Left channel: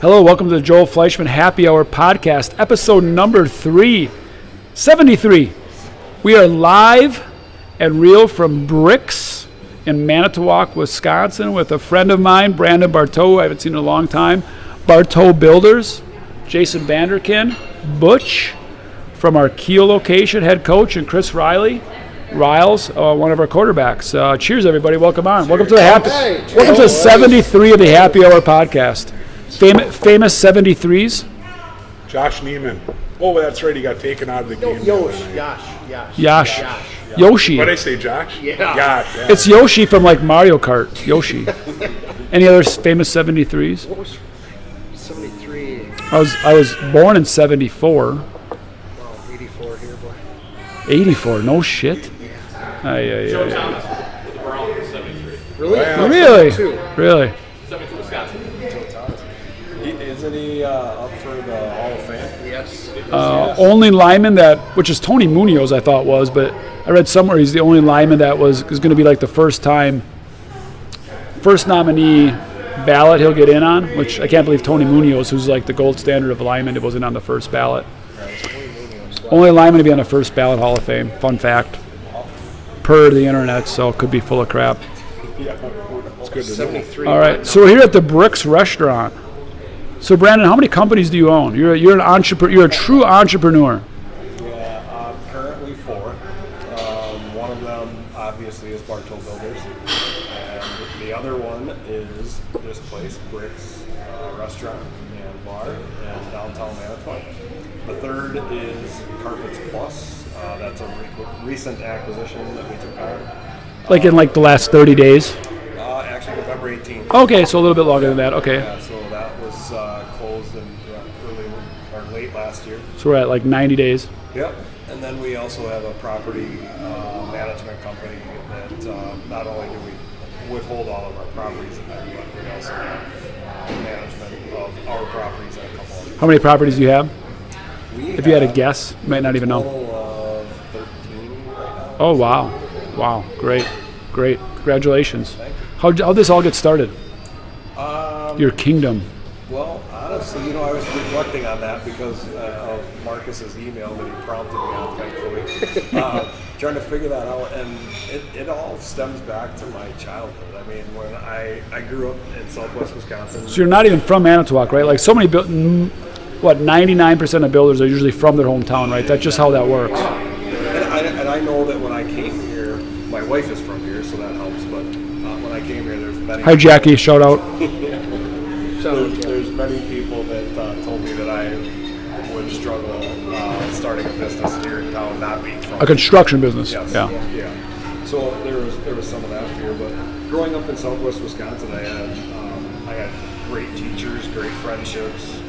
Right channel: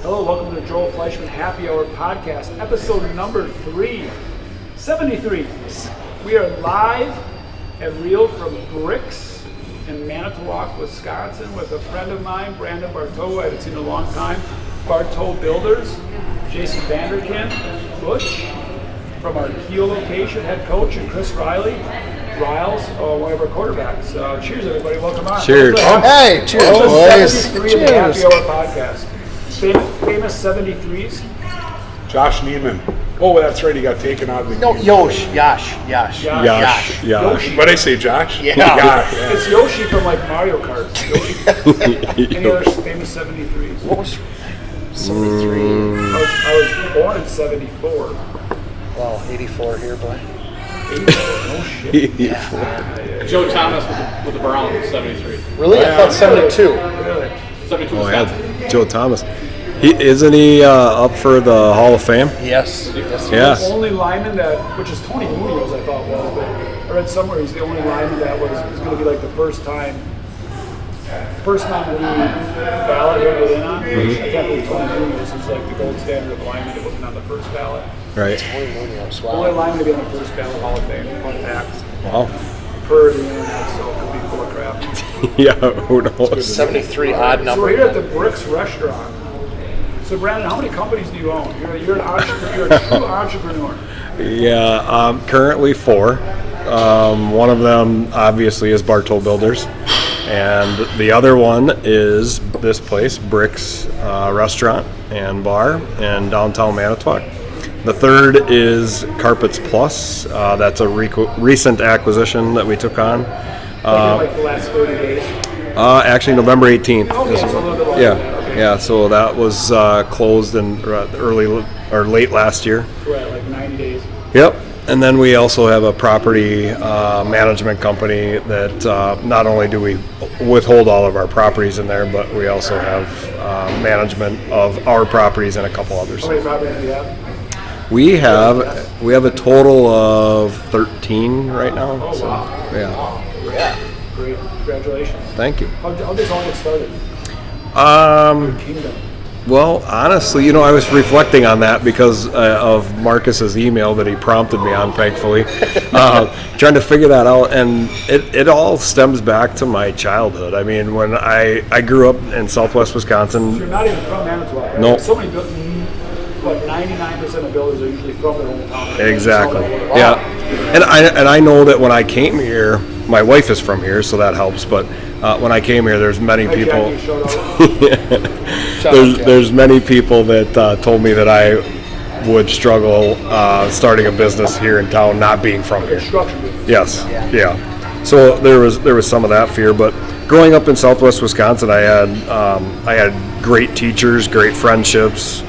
Hello, welcome to the Joel Fleischman Happy Hour Podcast, episode number 373. We are live and real from BRIX in Manitowoc, Wisconsin, with a friend of mine, Brandon Bartow, I haven't seen in a long time, Bartow Builders, Jason Vanderkin, Butch from our Kiel location, head coach, and Chris Reilly, Riles, one of our quarterbacks. Cheers, everybody. Welcome on. Cheers. Welcome to 73 of the Happy Hour Podcast. Famous 73s. Josh Neiman. Oh, that's right. He got taken out of the game. Yoshi. Yoshi. What did I say, Josh? Yeah. Yeah. It's Yoshi from like Mario Kart. Yoshi. Any other famous 73s? What was 73? I was born in 74. Well, 84 here, boy. 84. No shit. Yeah. Joe Thomas with the Browns, 73. Really? Yeah. I thought Really? 72. Really? 72 Oh, Wisconsin. yeah. Joe Thomas. Isn't he up for the Hall of Fame? Yes. Yes. Only lineman which is Tony Munoz, I thought was, but I read somewhere he's the only lineman that is going to be like the first nominee ballot he'll get in on, which I can't believe Tony Munoz, who's like the gold standard of a lineman, it wasn't on the first ballot. Right. Only lineman to be on the first ballot Hall of Fame. Fun fact. Wow. Per the internet, so it could be full of crap. Yeah, who knows? 73. All right, so we're here at the BRIX restaurant. So Brandon, how many companies do you own? You're an entrepreneur. You're a true entrepreneur. Yeah, currently 4. One of them obviously is Bartow Builders, and the other one is this place, BRIX Restaurant and Bar in downtown Manitowoc. The third is Carpets Plus. That's a recent acquisition that we took on. In the last 30 days. Actually, November 18th. Okay, so a little bit longer than that. Okay. Yeah, so that was closed in late last year. So we're at like 90 days. Yep. And then we also have a property management company that not only do we withhold all of our properties in there, but we also have management of our properties and a couple others. How many properties do you have? We you have a have guess? we have a total of 13 right now. Oh, so, wow. Yeah. Wow. Great. Congratulations. Thank you. How'd this all get started? Your kingdom. Well, honestly, I was reflecting on that because of Marcus's email that he prompted me on, thankfully, trying to figure that out. And it all stems back to my childhood. I mean, when I grew up in southwest Wisconsin. So you're not even from Manitowoc, right? Nope. Like so many 99% of builders are usually from their hometown, right? Exactly. That's just how that works. Yeah. And I know that when I came here, my wife is from here, so that helps. But when I came here, there's many Hi, people. Jackie, shout out. There's many people that told me that I would struggle starting a business here in town, not being from A construction business. Yes. Yeah. So there was some of that fear, but growing up in southwest Wisconsin, I had great teachers, great friendships,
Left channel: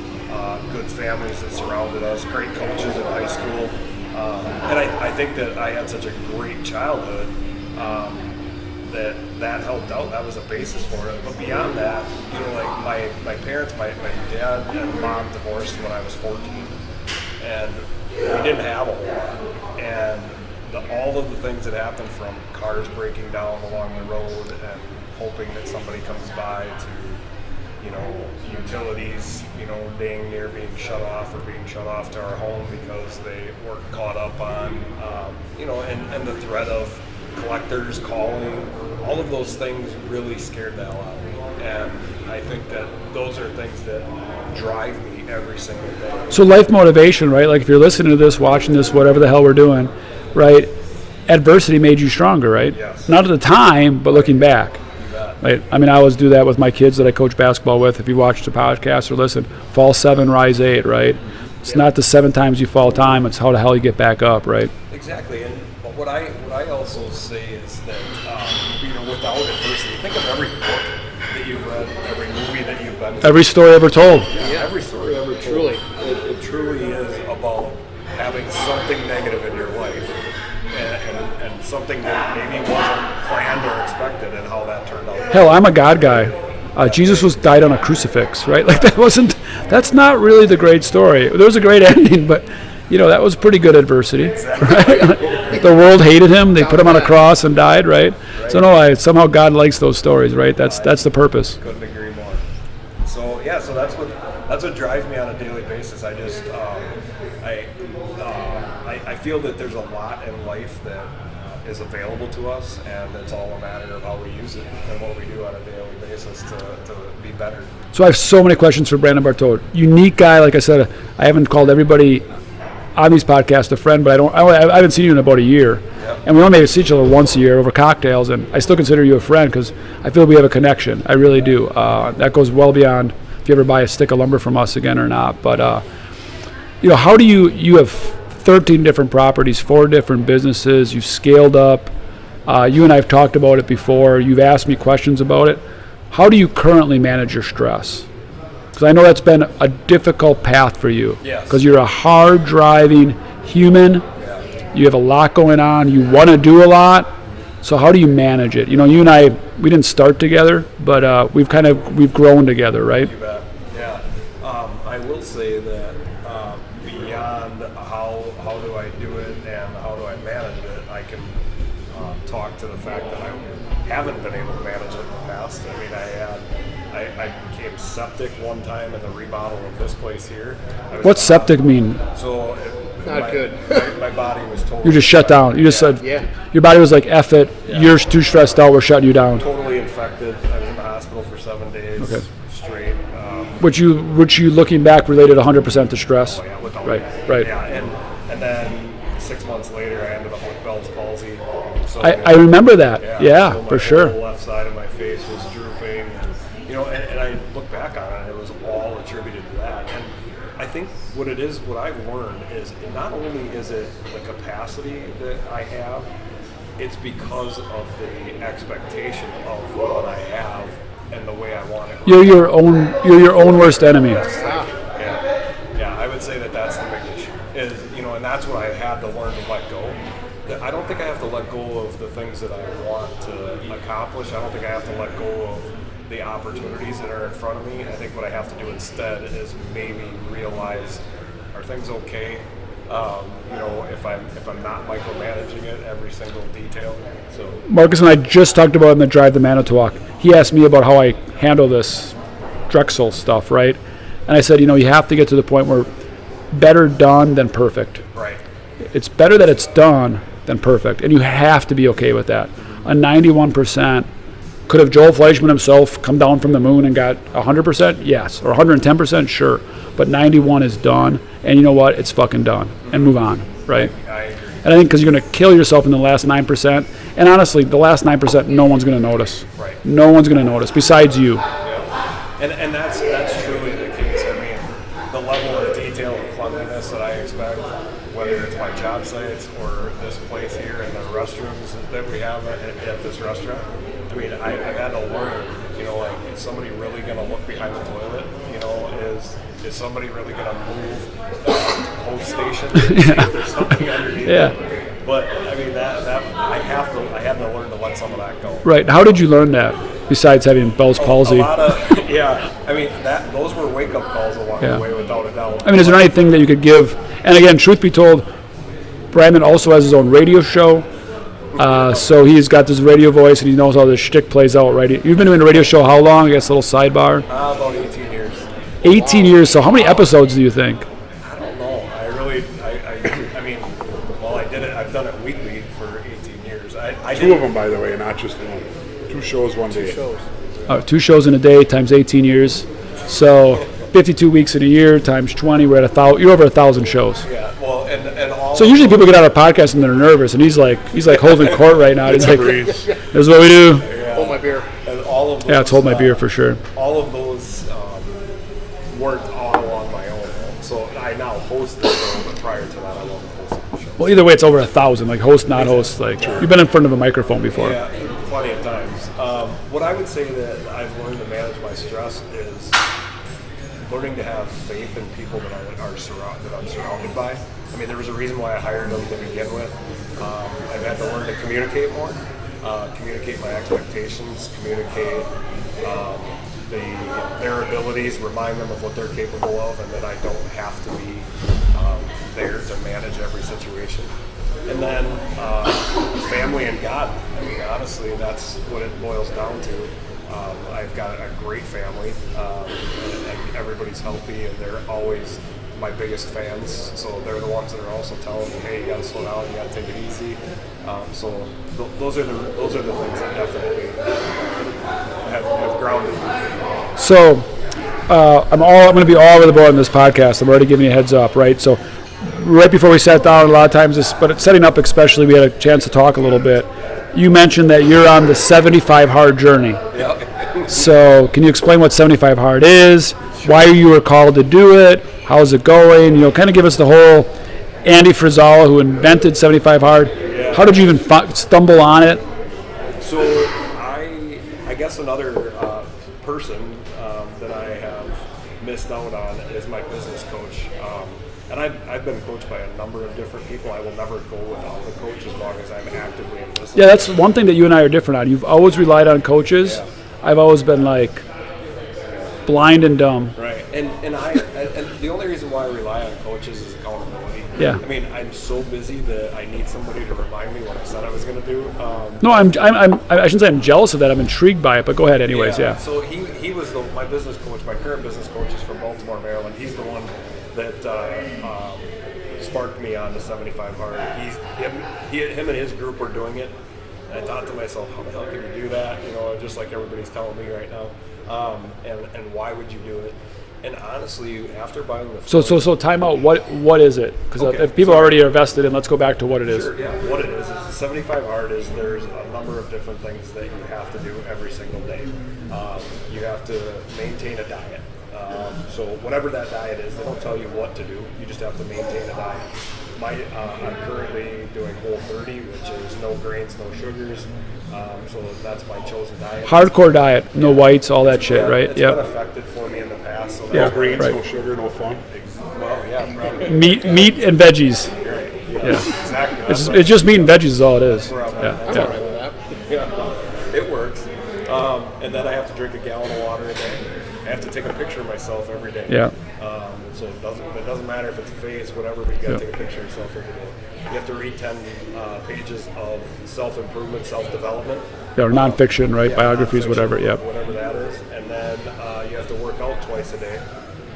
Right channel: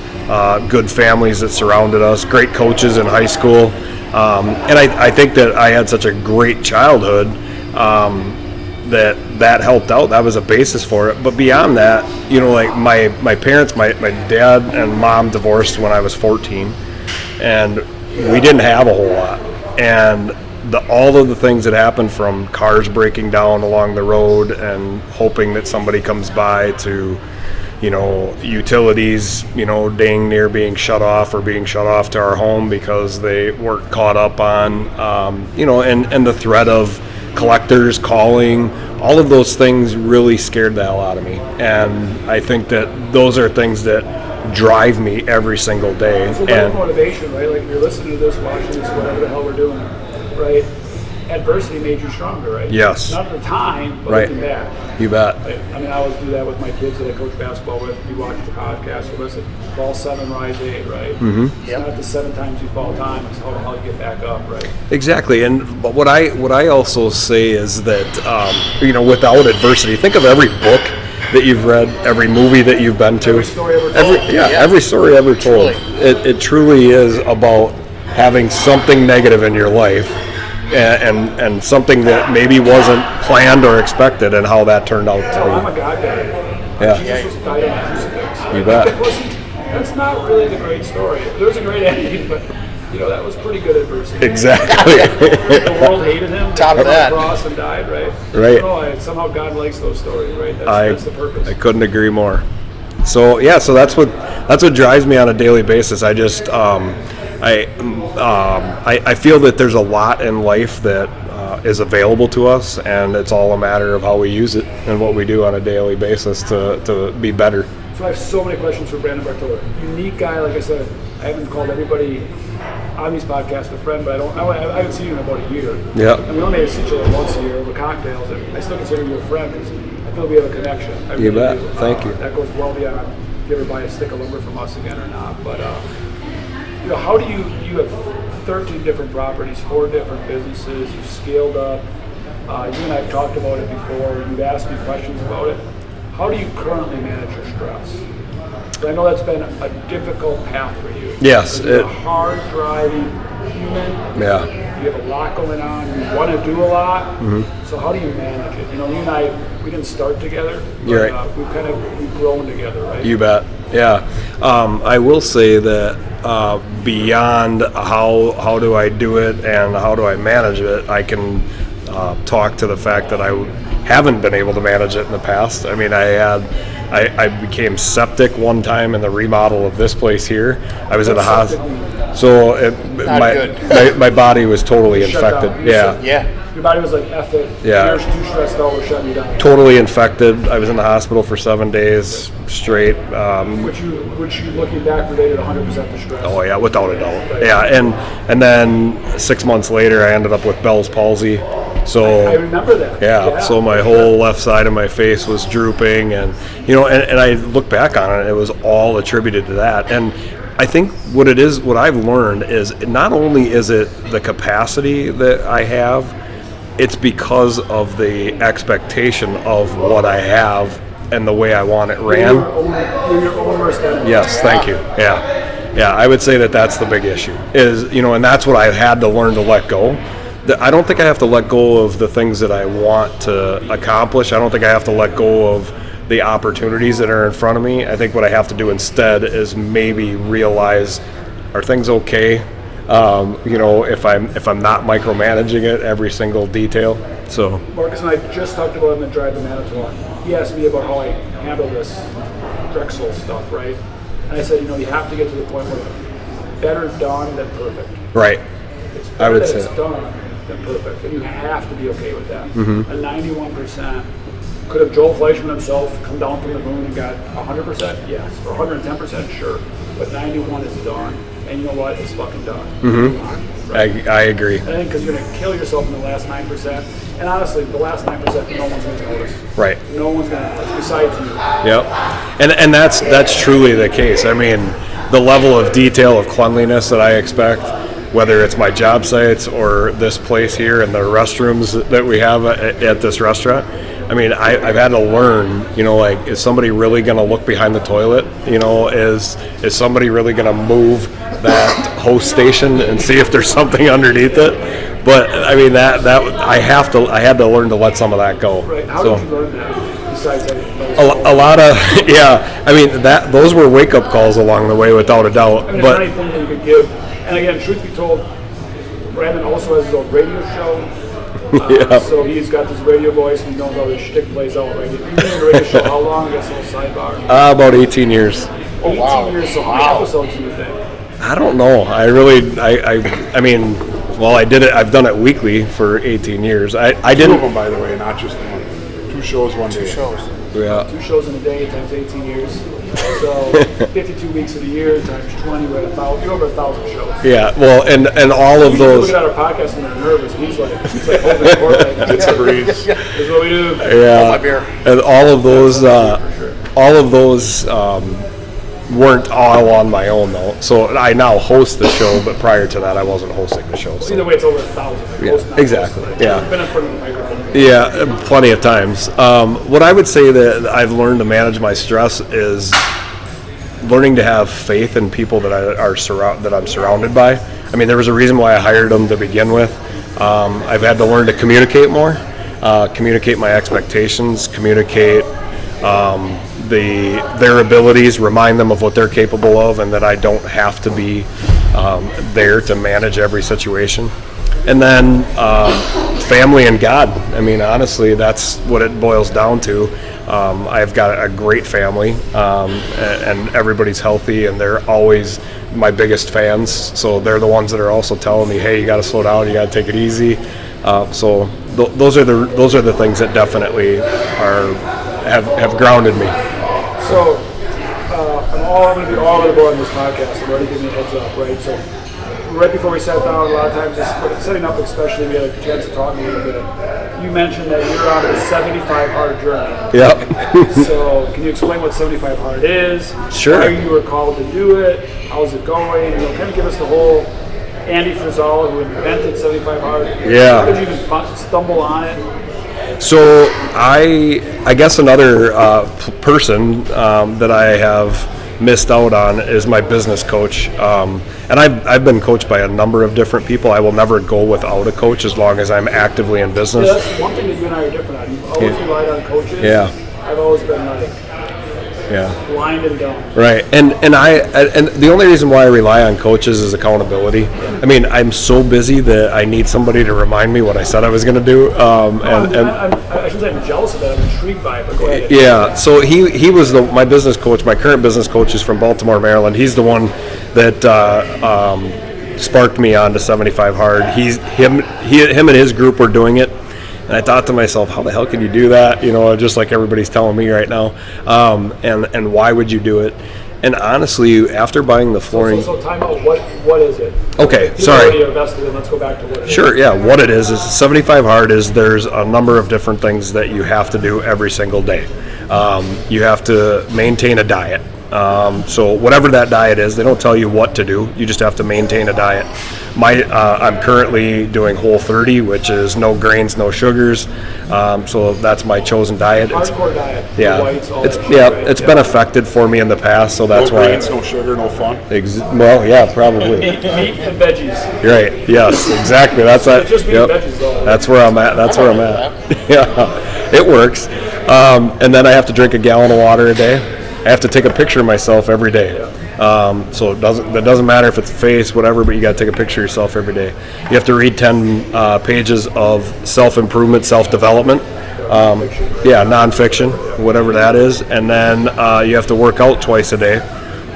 good families that surrounded us, great coaches in high school, and I think that I had such a great childhood that helped out. That was a basis for it. But beyond that, like my parents, my dad and mom divorced when I was 14, and we didn't have a whole lot. And all of the things that happened, from cars breaking down along the road and hoping that somebody comes by, to utilities, dang near being shut off to our home because they weren't caught up on, and the threat of collectors calling, all of those things really scared the hell out of me. And I think that those are things that drive me every single day. So life motivation, right? Like if you're listening to this, watching this, whatever the hell we're doing, right? Adversity made you stronger, right? Yes. Not at the time, but Right. looking back. You bet. Right? I mean, I always do that with my kids that I coach basketball with. If you watch the podcast or listen, fall 7, rise 8, right? Mm-hmm. It's not the 7 times you fall time, it's how the hell you get back up, right? Exactly. But what I also say is that without adversity, think of every book that you've read, every movie that you've been to, Every story ever told. every story ever told. It truly is about having something negative in your life, and something that maybe wasn't planned or expected, and how that turned out. Hell, I'm a God guy. Yeah. Jesus was died on a crucifix, right? Like that's not really the great story. There was a great ending, but that was pretty good adversity. Exactly. The world hated him. They put him on a cross and died, right? Right. So somehow God likes those stories, right? That's the purpose. I couldn't agree more. So that's what that's what drives me on a daily basis. I just I feel that there's a lot in life that is available to us, and it's all a matter of how we use it and what we do on a daily basis to be better. So I have so many questions for Brandon Bartow. Unique guy, like I said. I haven't called everybody on these podcasts a friend, but I haven't seen you in about a year. Yeah. And we only see each other once a year over cocktails, and I still consider you a friend because I feel we have a connection. I really do. Thank you. That goes well beyond if you ever buy a stick of lumber from us again or not. But how do you have 13 different properties, 4 different businesses. You've scaled up. You and I have talked about it before. You've asked me questions about it. How do you currently manage your stress? Because I know that's been a difficult path for you. Yes. Because you're a hard-driving human. Yeah. You have a lot going on. You want to do a lot. Mm-hmm. So how do you manage it? You and I, we didn't start together, but Right. we've grown together, right? You bet. Yeah. I will say that beyond how do I do it and how do I manage it, I can talk to the fact that I haven't been able to manage it in the past. I mean, I became septic one time in the remodel of this place here. I was What's at the septic mean? So my body was totally You just shut infected. down. You just said, Yeah. your body was like, F it. Yeah. You're too stressed out. We're shutting you down. Totally infected. I was in the hospital for 7 days straight. Which you looking back related 100% to stress. Oh yeah, without a doubt. Right. Yeah, and then 6 months later, I ended up with Bell's palsy. So I remember that. Yeah. So my for whole sure. left side of my face was drooping, and and I look back on it, it was all attributed to that. And I think what I've learned is not only is it the capacity that I have, it's because of the expectation of what I have and the way I want it ran. You're your own worst enemy. Yes, thank you. Yeah, I would say that that's the big issue. And that's what I had to learn to let go. I don't think I have to let go of the things that I want to accomplish. I don't think I have to let go of the opportunities that are in front of me. I think what I have to do instead is maybe realize, are things okay? If I'm not micromanaging it every single detail. So Marcus and I just talked about in the drive to Manitowoc. He asked me about how I handle this Drexel stuff, right? And I said, you have to get to the point where better done than perfect. right. It's better that say it's that. done than perfect, and you have to be okay with that. Mm-hmm. A 91%. Could have Joel Fleischman himself come down from the moon and got 100%? Yes. Or 110%? Sure. But 91 is done, and you know what? It's fucking done. And move on, right? I agree. And I think because you're going to kill yourself in the last 9%, and honestly, the last 9%, no one's going to notice. Right. No one's going to notice besides you. Yep. And that's truly the case. I mean, the level of detail of cleanliness that I expect, whether it's my job sites or this place here and the restrooms that we have at this restaurant, I mean, I've had to learn, is somebody really going to look behind the toilet? Is somebody really going to move that hose station and see if there's something underneath it? But I mean, that I had to learn to let some of that go. Right. How did you learn that? Besides having Bell's palsy. A lot of I mean, those were wake up calls along the way, without a doubt. I mean, is there anything that you could give? And again, truth be told, Brandon also has his own radio show. So he's got this radio voice, and he knows how this shtick plays out, right? You've been doing the radio show how long? I guess a little sidebar. About 18 years. 18 years. So how many episodes do you think? I don't know. I mean, well, I did it. I've done it weekly for 18 years. I 2 of didn't. them, by the way, not just one. 2 shows one day. 2 shows. Yeah. 2 shows in a day times 18 years. So 52 weeks in a year times 20. We're at you're over 1,000 shows. Yeah. Well, and all So of usually people those. get out of podcast and they're nervous, and he's like holding court right now. He's like, Breeze. "This is what we do." Yeah. my beer. And all of Yeah, those. hold my beer for sure. All of those weren't all on my own though. So I now host the show, but prior to that, I wasn't hosting the show. Well, so. either way, it's over 1,000. Like host, not host. Exactly. Like Yeah. you've been in front of a microphone before. Yeah, plenty of times. What I would say that I've learned to manage my stress is learning to have faith in people that I'm surrounded by. I mean, there was a reason why I hired them to begin with. I've had to learn to communicate more, communicate my expectations, communicate their abilities, remind them of what they're capable of, and that I don't have to be there to manage every situation. And then family and God. I mean, honestly, that's what it boils down to. I've got a great family, and everybody's healthy, and they're always my biggest fans. So they're the ones that are also telling me, hey, you got to slow down, you got to take it easy. So those are the things that definitely have grounded me. So I'm going to be all over the board on this podcast. I'm already giving you a heads up, right? So right before we sat down, a lot of times, but setting up especially, we had a chance to talk a little bit. You mentioned that you're on the 75 hard journey. Yep. So can you explain what 75 hard is? Sure. Why you were called to do it? How's it going? Kind of give us the whole Andy Frizzala, who invented 75 hard. Yeah. How did you even stumble on it? So I guess another person that I have missed out on is my business coach. And I've been coached by a number of different people. I will never go without a coach as long as I'm actively in business. Yeah, that's one thing that you and I are different on. You've always relied on coaches. Yeah. I've always been like blind and dumb. Right. And the only reason why I rely on coaches is accountability. Yeah. I mean, I'm so busy that I need somebody to remind me what I said I was going to do. I shouldn't say I'm jealous of that. I'm intrigued by it, but go ahead. Anyways, yeah. So he was my business coach. My current business coach is from Baltimore, Maryland. He's the one that sparked me on to 75 hard. Him and his group were doing it. And I thought to myself, how the hell can you do that? Just like everybody's telling me right now. And why would you do it? And honestly, after buying the flooring... So time out. What is it? Okay, people are already invested in. Let's go back to what it is. Sure, yeah. What it is 75 hard is there's a number of different things that you have to do every single day. You have to maintain a diet. So whatever that diet is, they don't tell you what to do. You just have to maintain a diet. I'm currently doing Whole30, which is no grains, no sugars. So that's my chosen diet. Hardcore diet, no whites, all that shit, yeah, right? It's been affected for me in the past, so that's no why. grains, no sugar, no fun. Well, yeah, probably. Meat and veggies. Right. Yes, exactly. It's just meat and veggies is all it is. That's where I'm at. Yeah, it works. And then I have to drink a gallon of water a day. I have to take a picture of myself every day. Yeah. So it doesn't matter if it's face, whatever, but you got to take a picture of yourself every day. You have to read 10 pages of self-improvement, self-development. Nonfiction, right? Yeah, nonfiction, whatever that is. And then you have to work out twice a day.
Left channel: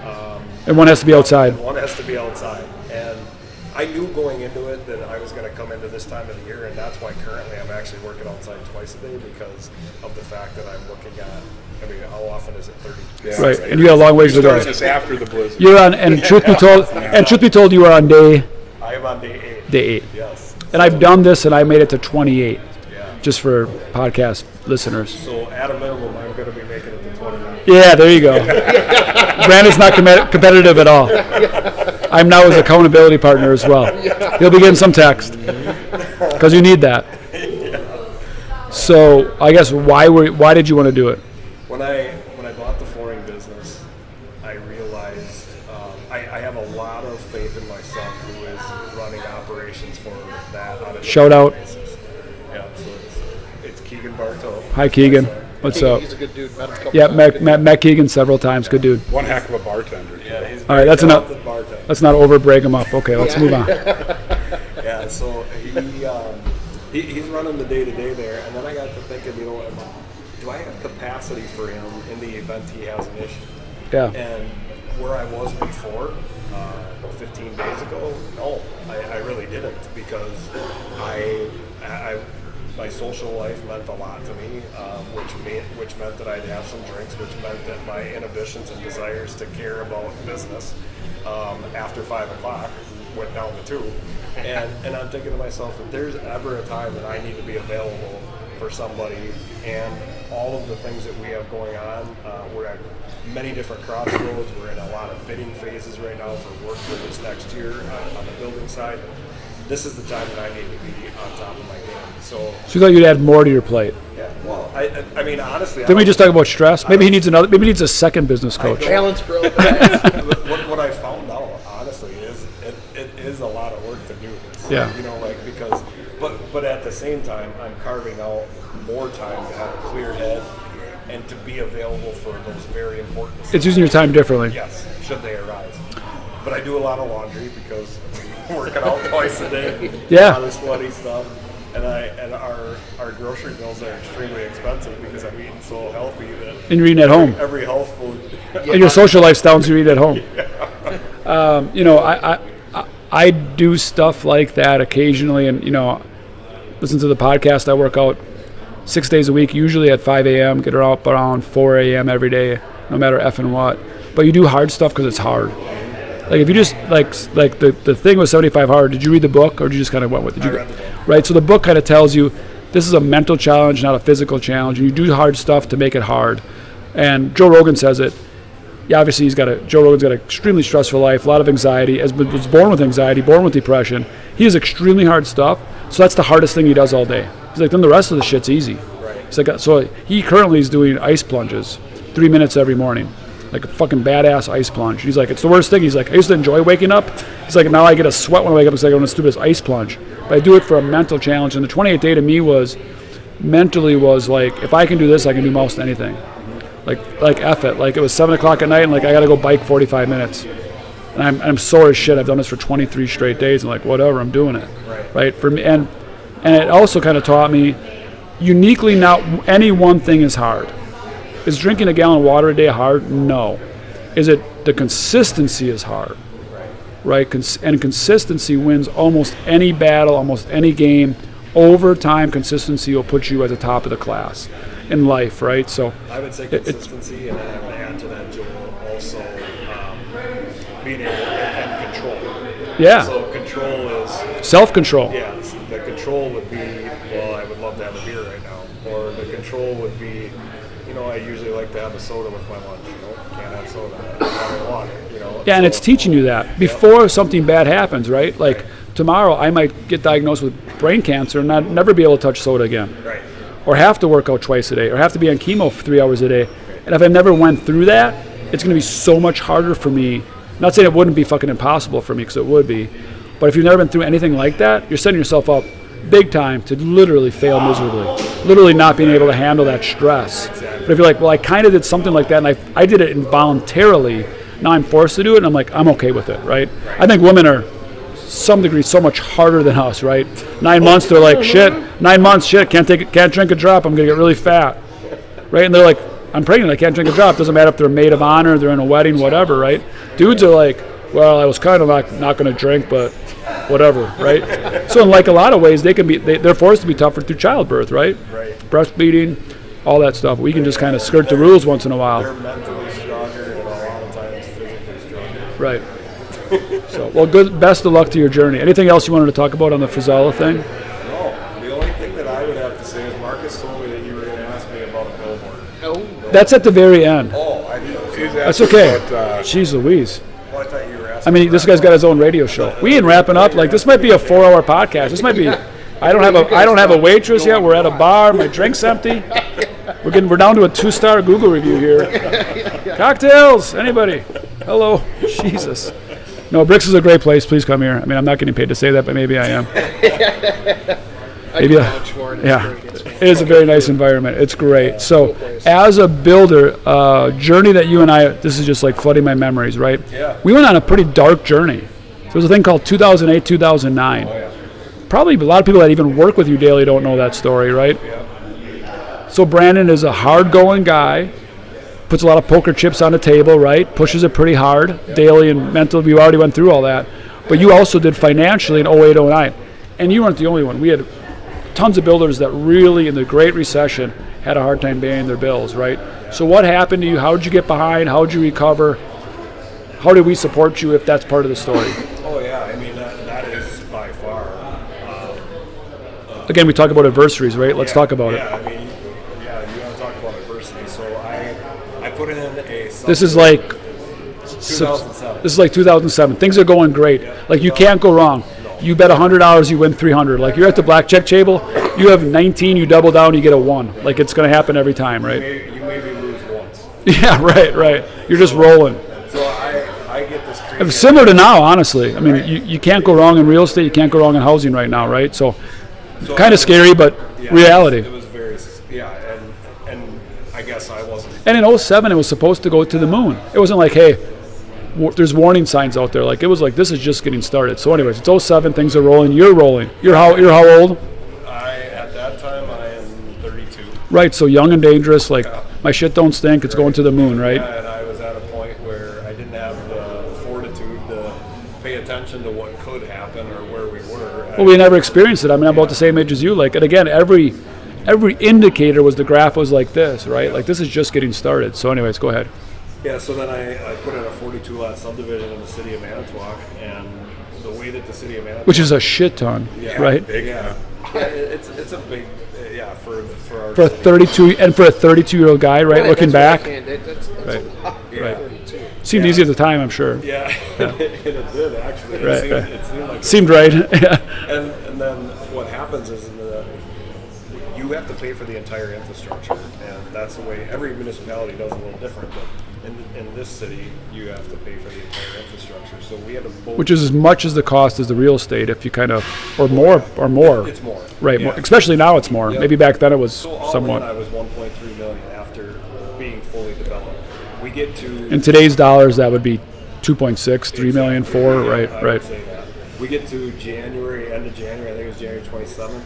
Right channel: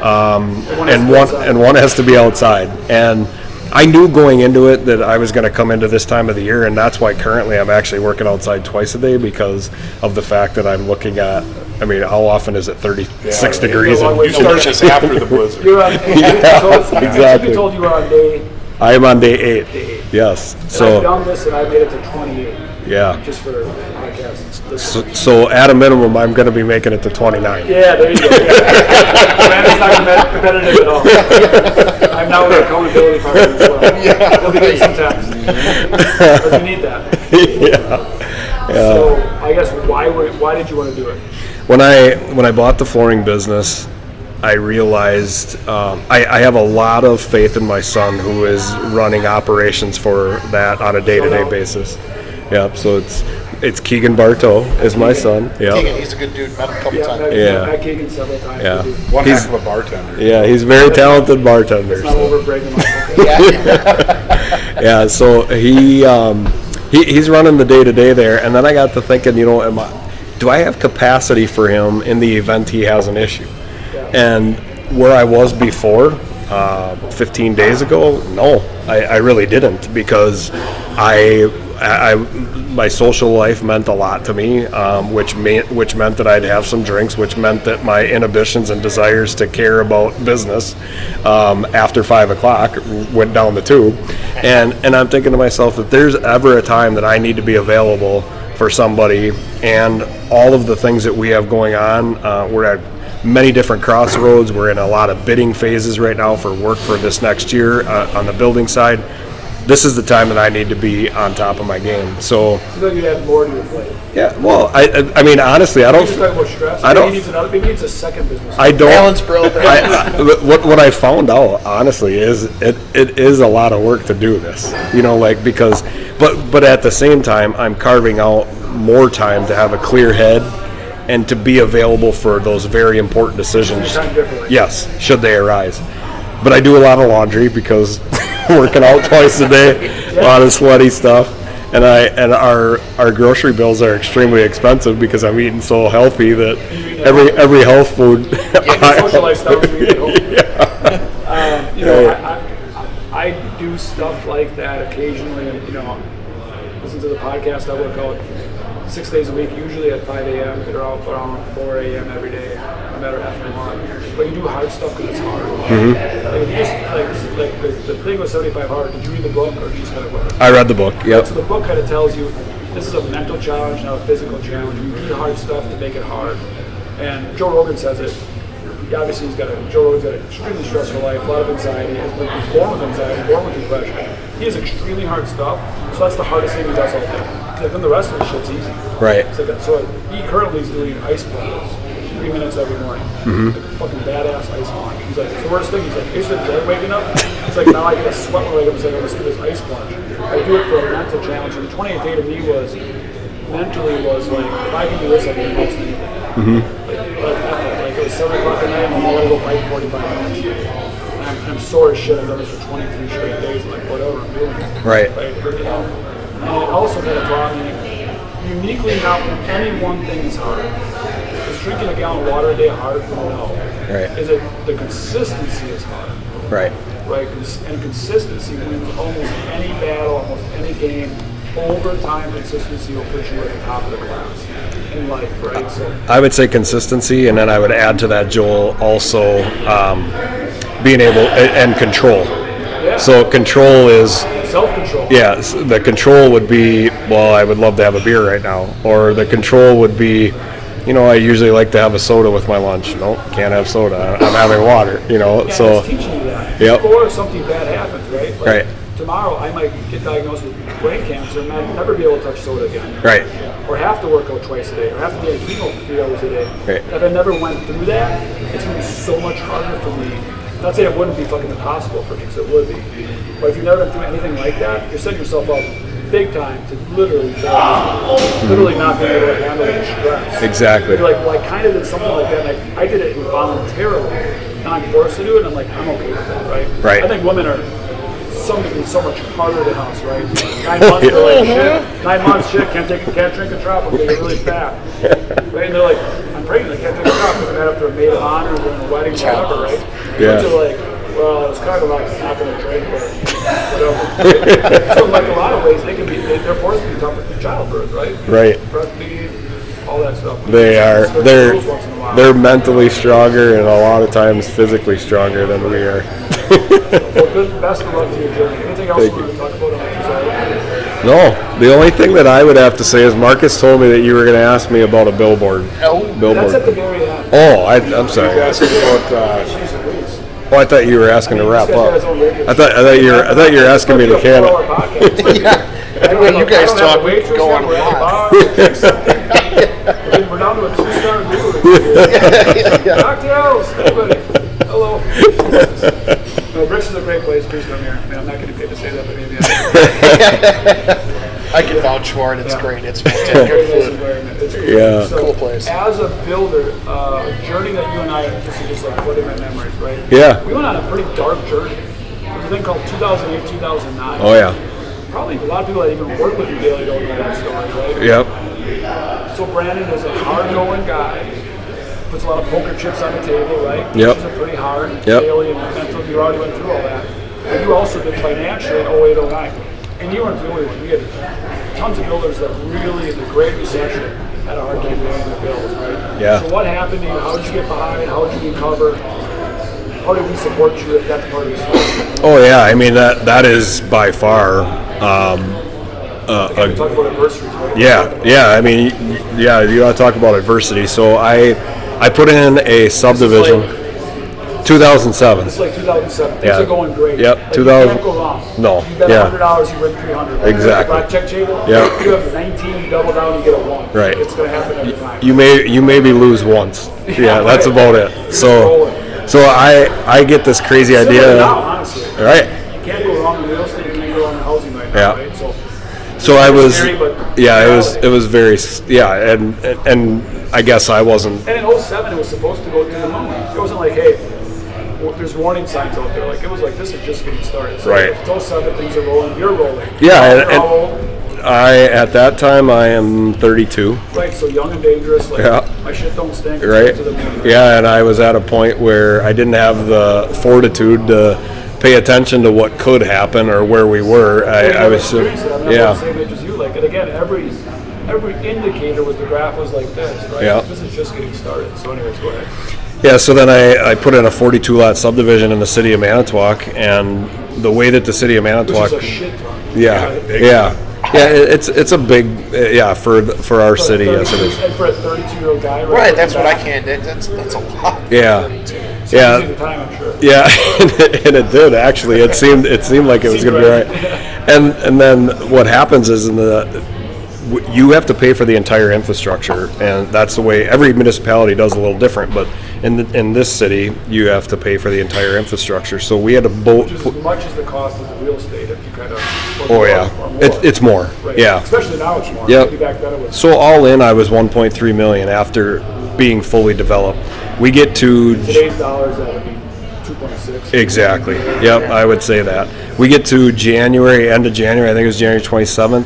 And one has to be outside. And one has to be outside. And I knew going into it that I was going to come into this time of the year, and that's why currently I'm actually working outside twice a day because of the fact that I'm looking at, how often is it? 36 degrees. You're a long way to start. Just after the blizzard. You're on, and truth be told, you are on day. I am on day 8. Day 8. Yes. And I've done this, and I made it to 28. Yeah. Just for podcast listeners. So at a minimum, I'm going to be making it to 29. Yeah, there you go. Brandon's not competitive at all. I'm now his accountability partner as well. He'll be getting some text because you need that. Yeah. So I guess why did you want to do it? When I bought the flooring business, I realized I have a lot of faith in my son, who is running operations for that on a day-to-day basis. Yeah, so it's Keegan Bartow is my son. Yeah, he's a good dude. Met him a couple times. Met Keegan several times. Good dude. One heck of a bartender. Yeah, he's very talented bartender. Let's not overbreak him up. Okay, let's move on. Yeah, so he's running the day-to-day there, and then I got to thinking, do I have capacity for him in the event he has an issue? Yeah. And where I was before, 15 days ago, no, I really didn't, because my social life meant a lot to me, which meant that I'd have some drinks, which meant that my inhibitions and desires to care about business after 5 o'clock went down the tube. And I'm thinking to myself, if there's ever a time that I need to be available for somebody, and all of the things that we have going on, we're at many different crossroads. We're in a lot of bidding phases right now for work for this next year on the building side. This is the time that I need to be on top of my game. So you thought you'd add more to your plate? Yeah. Well, I mean, honestly, Can we just talk about stress? Maybe he needs a second business. I don't. Balance, bro. What I found out, honestly, is it is a lot of work to do this. Yeah. Because, but at the same time, I'm carving out more time to have a clear head and to be available for those very important decisions. It's using your time differently. Yes, should they arise. But I do a lot of laundry because working out twice a day, a lot of sweaty stuff. And our grocery bills are extremely expensive because I'm eating so healthy that and you're eating at home. Every health food. And your social lifestyles you eat at home. I do stuff like that occasionally, and listen to the podcast. I work out 6 days a week, usually at 5 a.m. Get her out around 4 a.m. every day, no matter effing what. But you do hard stuff because it's hard. Mm-hmm. Like if you just like the thing with 75 Hard. Did you read the book or did you just kind of went with it? I read the book. Right. Yep. So the book kind of tells you this is a mental challenge, not a physical challenge. And you do hard stuff to make it hard. And Joe Rogan says it. Yeah, obviously Joe Rogan's got an extremely stressful life, a lot of anxiety. Was born with anxiety, born with depression. He has extremely hard stuff. So that's the hardest thing he does all day. He's like, then the rest of the shit's easy. Right. It's like, so he currently is doing ice plunges, 3 minutes every morning, like a fucking badass ice plunge. He's like, it's the worst thing. He's like, I used to enjoy waking up. He's like, now I get a sweat when I wake up. It's like, let's do this ice plunge. But I do it for a mental challenge. And the 28th day to me was like, if I can do this, I can do most anything. Mm-hmm. Like F it. Like it was 7 o'clock at night and like I got to go bike 45 minutes. And I'm sore as shit. I've done this for 23 straight days. And like, whatever, I'm doing it. Right. For me, and it also kind of taught me, uniquely, not any one thing is hard. Is drinking a gallon of water a day hard? No. Right. Is it the consistency is hard? Right. And consistency wins almost any battle, almost any game. Over time, consistency will put you at the top of the class in life, right? So I would say consistency, and then I would add to that, Joel, also being able and control. Yeah. So control is self-control. Yeah. The control would be, well, I would love to have a beer right now, or the control would be, I usually like to have a soda with my lunch. No, can't have soda. I'm having water. Yeah, so, and it's teaching you that before something bad happens, right? Like tomorrow, I might get diagnosed with brain cancer and never be able to touch soda again. Right. Or have to work out twice a day, or have to be on chemo for 3 hours a day. Right. And if I never went through that, it's going to be so much harder for me. Not saying it wouldn't be fucking impossible for me, because it would be. But if you've never been through anything like that, you're setting yourself up big time to literally fail miserably. Literally not being able to handle that stress. Exactly. But if you're like, well, I kind of did something like that, and I did it involuntarily. Now I'm forced to do it, and I'm like, I'm okay with it, right? Right. I think women are, some degree, so much harder than us, right? 9 months, they're like, shit. 9 months, shit. Can't drink a drop. I'm gonna get really fat, right? And they're like, I'm pregnant. I can't drink a drop. Doesn't matter if they're a maid of honor, they're in a wedding, whatever, right? Dudes are like, well, I was kind of not going to drink, but whatever. Right? So in like a lot of ways, they're forced to be tougher through childbirth, right? Right. Breastfeeding, all that stuff. We can just kind of skirt the rules once in a while. They're mentally stronger and a lot of times physically stronger than we are. Well, best of luck to your journey. Anything else you wanted to talk about on the Frisella thing? No. The only thing that I would have to say is Marcus told me that you were going to ask me about a billboard. Billboard. That's at the very end. Oh, I'm sorry. That's okay. Jeez Louise. Oh, I thought you were asking me to wrap this guy's got his own radio show. I thought you were asking me to This might be a 4-hour podcast. This might be. I don't have a waitress yet. We're at a bar. The drink's empty. We're down to a 2-star Google review here. Cocktails. Anybody? Hello. Jesus. No, BRIX is a great place. Please come here. I mean, I'm not getting paid to say that, but maybe I am. I can vouch for it. It's great. It's a very nice environment. It's great. Yeah. So, cool, as a builder, journey that you and I, this is just like flooding my memories, right? Yeah. We went on a pretty dark journey. There was a thing called 2008, 2009. Oh, yeah. Probably a lot of people that even work with you daily don't know that story, right? Yep. So, Brandon is a hard-going guy, puts a lot of poker chips on the table, right? Pushes it pretty hard, daily and mentally. You already went through all that. But you also did financially in 08, 09. And you weren't the only one. We had tons of builders that really, in the Great Recession, had a hard time paying their bills, right? Yeah. So what happened to you? How did you get behind? How did you recover? How did we support you, if that's part of the story? Oh, yeah. I mean, that is by far... Again, we talk about adversities, right? Let's talk about it. I mean, you want to talk about adversity. So I put in a subdivision. This is like 2007. This is like 2007. Things are going great. Yep. Like you can't go wrong. No. You bet $100, you win 300. Like you're at the blackjack table. Yep. You have 19, you double down, you get a 1. Right. Like it's going to happen every time. You maybe lose once. That's about it. You're just rolling. So I get this crazy idea. Similar to now, honestly. Right. You can't go wrong in real estate. You can't go wrong in housing right now, right? So kind of scary, but reality. It was very and I guess I wasn't. And in 07, it was supposed to go to the moon. It wasn't like, hey, there's warning signs out there. Like it was like, this is just getting started. So it's 07, things are rolling. You're rolling. Yeah. You're how old? At that time, I am 32. Right, so young and dangerous, like, Yeah. my shit don't stink, it's Right. going to the moon, right? Yeah, and I was at a point where I didn't have the fortitude to pay attention to what could happen or where we were. Well, you I never was- experienced it. I mean, I'm yeah. about the same age as you. Like, and again, every indicator was the graph was like this, right? Yeah. Like, this is just getting started. So anyways, go ahead. Yeah, so then I put in a 42-lot subdivision in the city of Manitowoc, and the way that the city of Manitowoc... Which is a shit ton, Yeah, right? yeah. Yeah, it's a big, for our For city. 32, and for a 32-year-old guy, right, Right, looking that's back, what I can. That's a lot. Yeah. seemed Yeah. easy at the time, I'm sure. Yeah, and it did actually. It seemed like it Seemed was gonna right. be right. And then what happens is you have to pay for the entire infrastructure, and that's the way every municipality does a little different. But in this city, you have to pay for the entire infrastructure. So we had a boat, Which is as much as the cost as the real estate, if you kind of, or oh, more, yeah. or more. It's more, right? Yeah. Especially now, it's more. Yeah. Maybe back then it was. So all in, I was 1.3 million after being fully developed. We get to In today's dollars, that would be 2.6. exactly. 3 million, 4, Yep, right? I would say that. We get to end of January, I think it was January 27th,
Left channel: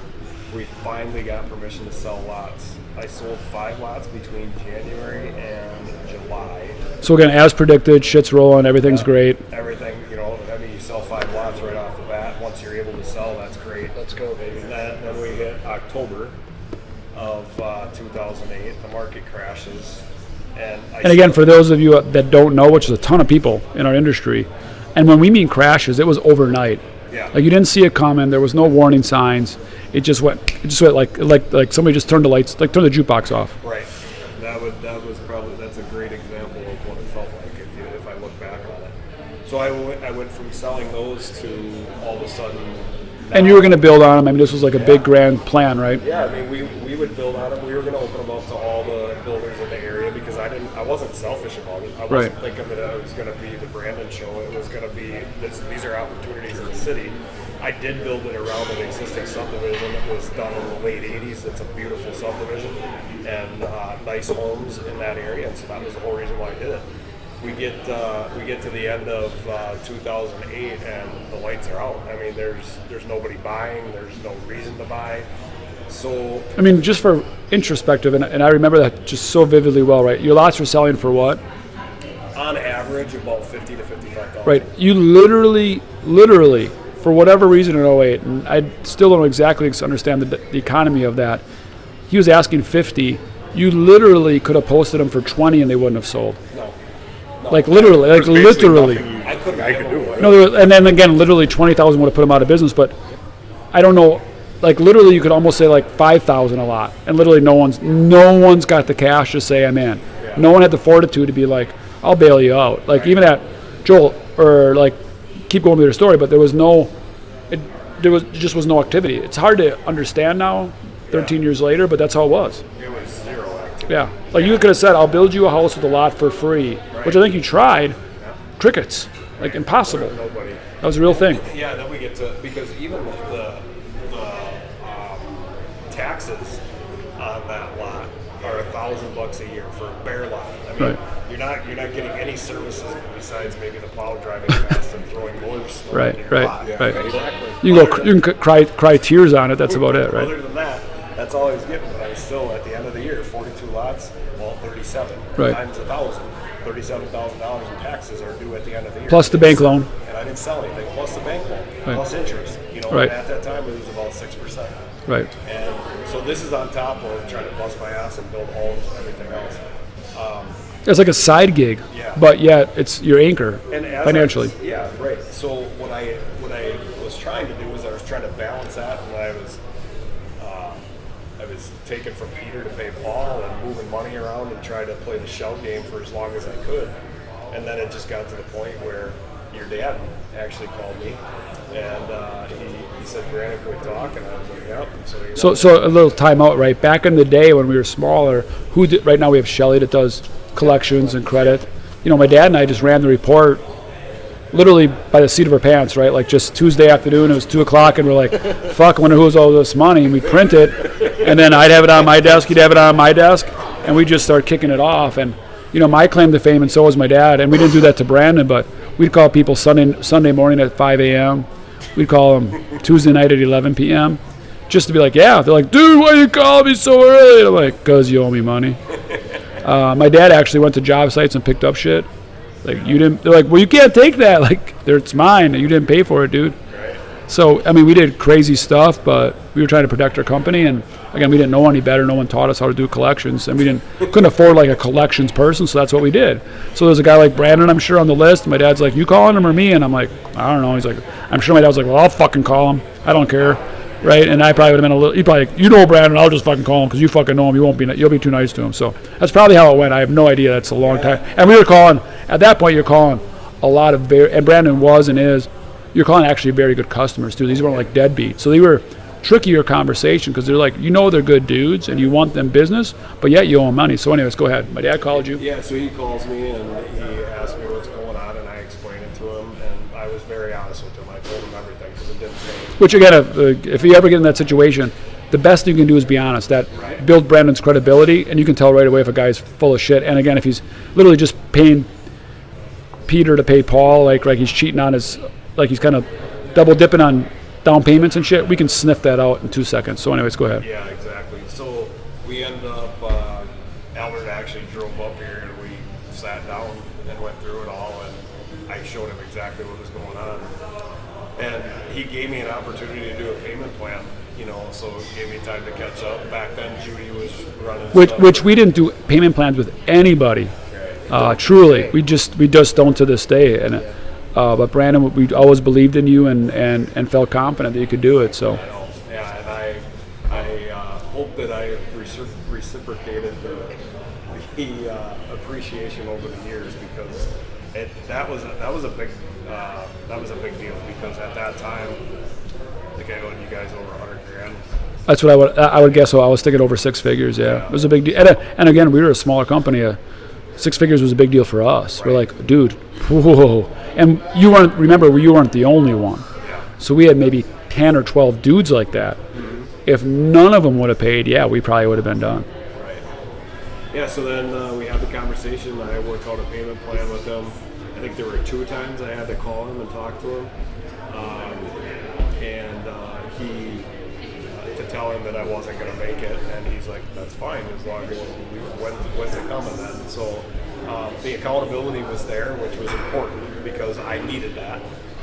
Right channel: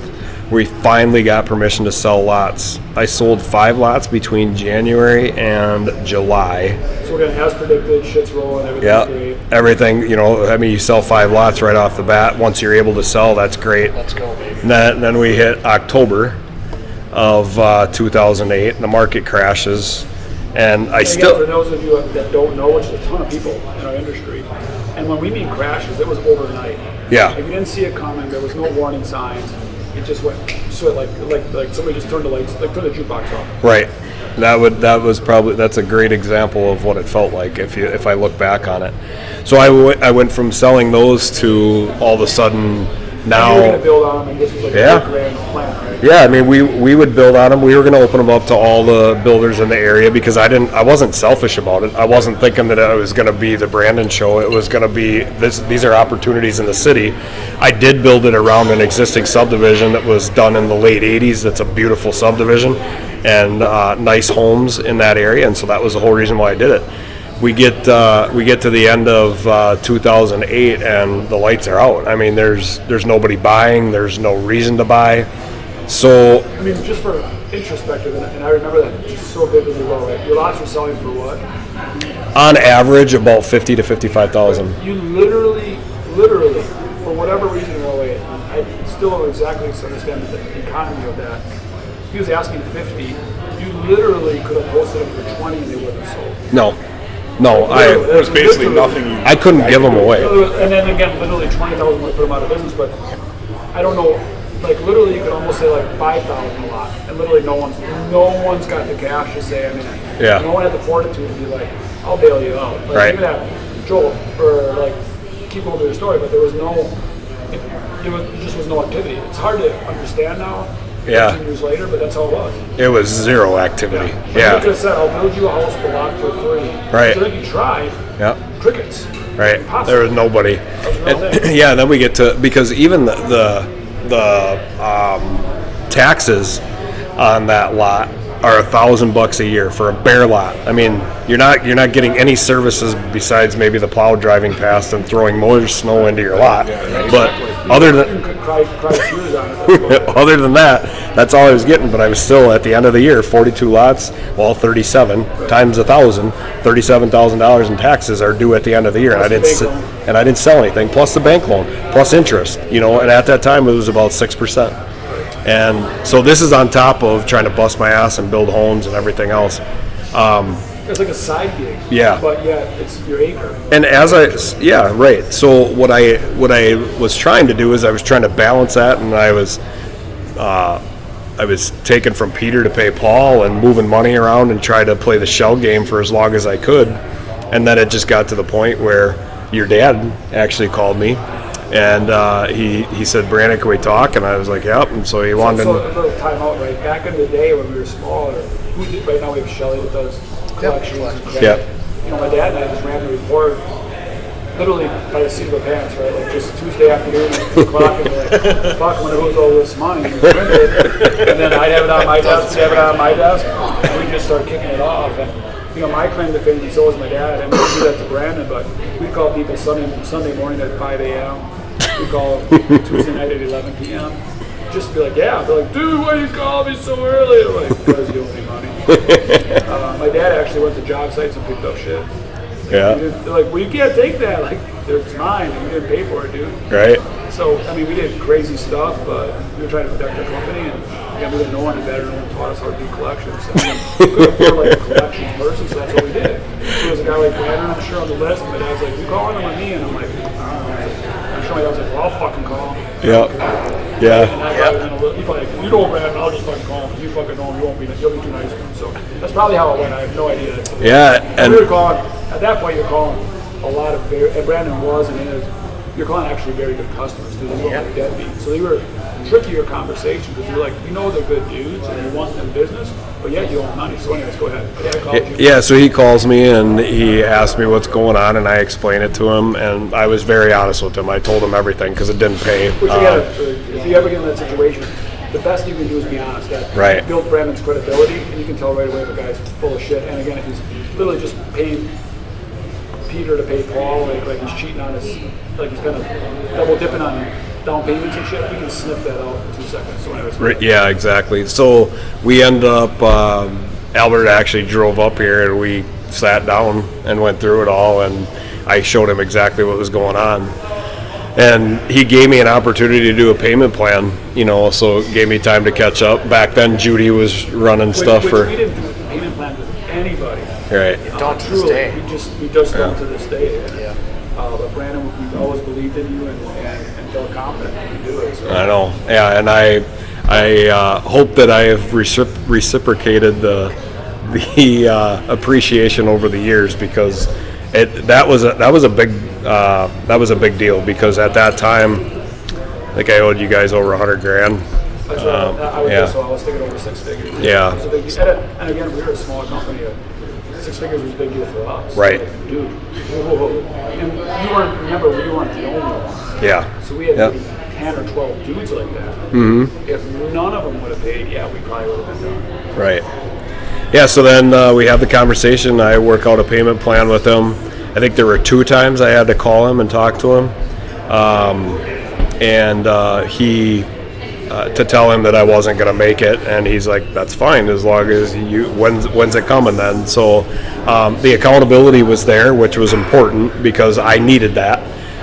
we finally got permission to sell lots. I sold 5 lots between January and July. So again, as predicted, shit's rolling, everything's Yeah, great. everything, you sell 5 lots right off the bat. Once you're able to sell, that's great. Let's go, baby. And then we hit October of 2008, and the market crashes. And And again, for those of you that don't know, which is a ton of people in our industry, and when we mean crashes, it was overnight. Yeah. Like you didn't see it coming. There was no warning signs. It just went like somebody just turned the lights, like turned the jukebox off. Right. That's a great example of what it felt like if I look back on it. So I went from selling those to all of a sudden now. And you were going to build on them. I mean, this was like a Yeah. big grand plan, right? Yeah, I mean we would build on them. We were going to open them up to all the builders in the area because I wasn't selfish about it. I wasn't thinking that it was going to be the Brandon show. It was going to be these are opportunities in the city. I did build it around an existing subdivision that was done in the late 80s. That's a beautiful subdivision and nice homes in that area, and so that was the whole reason why I did it. We get to the end of 2008 and the lights are out. I mean, there's nobody buying. There's no reason to buy. So I mean, just for introspective, and I remember that just so vividly well, right? Your lots were selling for what? on average, about 50 to 55,000. Right. You literally, for whatever reason in 08, and I still don't exactly understand the economy of that, he was asking 50. You literally could have posted them for 20 and they wouldn't have sold. No, Like literally, There's basically nothing. I couldn't give them away. No, and then again, literally 20,000 would have put them out of business. But I don't know, like literally, you could almost say like 5,000 a lot, and literally no one's got the cash to say I'm in. Yeah. No one had the fortitude to be like, I'll bail you out. Like Right. even at Joel or like keep going with your story, but there was no activity. It's hard to understand now. Yeah. 13 years later, but that's how it was. It was zero activity. Yeah. Like you could have said, I'll build you a house with a lot for free. Right. Which I think you tried. Yeah. Crickets. Right. Impossible. There was nobody. That was a real thing. Yeah, then we get to, because even the taxes on that lot are $1,000 a year for a bare lot. I mean, you're not getting any services besides maybe the plow driving past and throwing more snow into your lot. Right. But You can cry tears on it. That's about it. other than that, that's all I was getting. But I was still at the end of the year, 42 lots, well, 37 Right. times 1,000, $37,000 in taxes are due at the end of the year. Plus I the didn't bank s- loan. and I didn't sell anything. Plus the bank loan, plus interest. And at that time it was about 6%. Right. And so this is on top of trying to bust my ass and build homes and everything else. It's like a side gig. Yeah. But yeah, it's your anchor. And as financially. yeah, right. So what I was trying to do is I was trying to balance that, and I was taking from Peter to pay Paul and moving money around and try to play the shell game for as long as I could. And then it just got to the point where your dad actually called me, and he said, "Brandon, can we talk?" And I was like, "Yep." And so he wanted. So a little time out, right? Back in the day when we were smaller, right now we have Shelly that does collections and credit. Yeah. My dad and I just ran the report literally by the seat of our pants, right? Like just Tuesday afternoon, it was 2 o'clock, and we're like, fuck, I wonder who has all this money, and we print it, and then I'd have it on my desk, he'd have it on my desk, and we just start kicking it off. And my claim to fame, and so was my dad, and we didn't do that to Brandon, but we'd call people Sunday morning at 5 a.m. We'd call them Tuesday night at 11 p.m. just to be like, yeah. They're like, dude, why you calling me so early? I'm like, because you owe me money. My dad actually went to job sites and picked up shit. Like, they're like, well, you can't take that. Like, it's mine. You didn't pay for it, dude. Right. So, I mean, we did crazy stuff, but we were trying to protect our company. And, again, we didn't know any better. No one taught us how to do collections. And we couldn't afford, like, a collections person, so that's what we did. So there's a guy like Brandon, I'm sure, on the list. And my dad's like, you calling him or me? And I'm like, I don't know. He's like, I'm sure my dad was like, well, I'll fucking call him. I don't care. Yeah. Right? And I probably would have been a little, he'd probably like, you know Brandon, I'll just fucking call him because you fucking know him. You'll be too nice to him. So that's probably how it went. I have no idea. That's a long time. And we were calling, at that point, you're calling a lot of, and Brandon was and is, you're calling actually very good customers too. These weren't like deadbeats. So they were trickier conversation because they're like, you know, they're good dudes and you want them business, but yet you owe them money. So anyways, go ahead. My dad called you. Yeah, so he calls me and he asked me what's going on, and I explain it to him, and I was very honest with him. I told him everything because it didn't pay. Which again, if you ever get in that situation, the best thing you can do is be honest. That builds Brandon's credibility, and you can tell right away if a guy's full of shit. And again, if he's literally just paying Peter to pay Paul, like he's cheating on his, like he's kind of double dipping on down payments and shit, we can sniff that out in 2 seconds. So anyways, go ahead. Yeah, exactly. So we end up, Albert actually drove up here and we sat down and went through it all, and I showed him exactly what was going on. And he gave me an opportunity to do a payment plan, you know, so it gave me time to catch up. Back then, Judy was running stuff. Which we didn't do payment plans with anybody. Right. Truly. We just don't to this day. And but Brandon, we always believed in you and felt confident that you could do it. So I know. Yeah, and I hope that I have reciprocated the appreciation over the years, because that was a big deal, because at that time I think I owed you guys over $100,000. That's what I would guess. So I was thinking over six figures. Yeah. It was a big deal. And again, we were a smaller company. 6 figures was a big deal for us. Right. We're like, dude, whoa. And you weren't the only one. Yeah. So we had maybe 10 or 12 dudes like that. Mm-hmm. If none of them would have paid, we probably would have been done. Right. Yeah, so then we have the conversation. I work out a payment plan with him. I think there were 2 times I had to call him and talk to him. He to tell him that I wasn't going to make it, and he's like, that's fine, as long as when's it coming then? So the accountability was there, which was important because I needed that,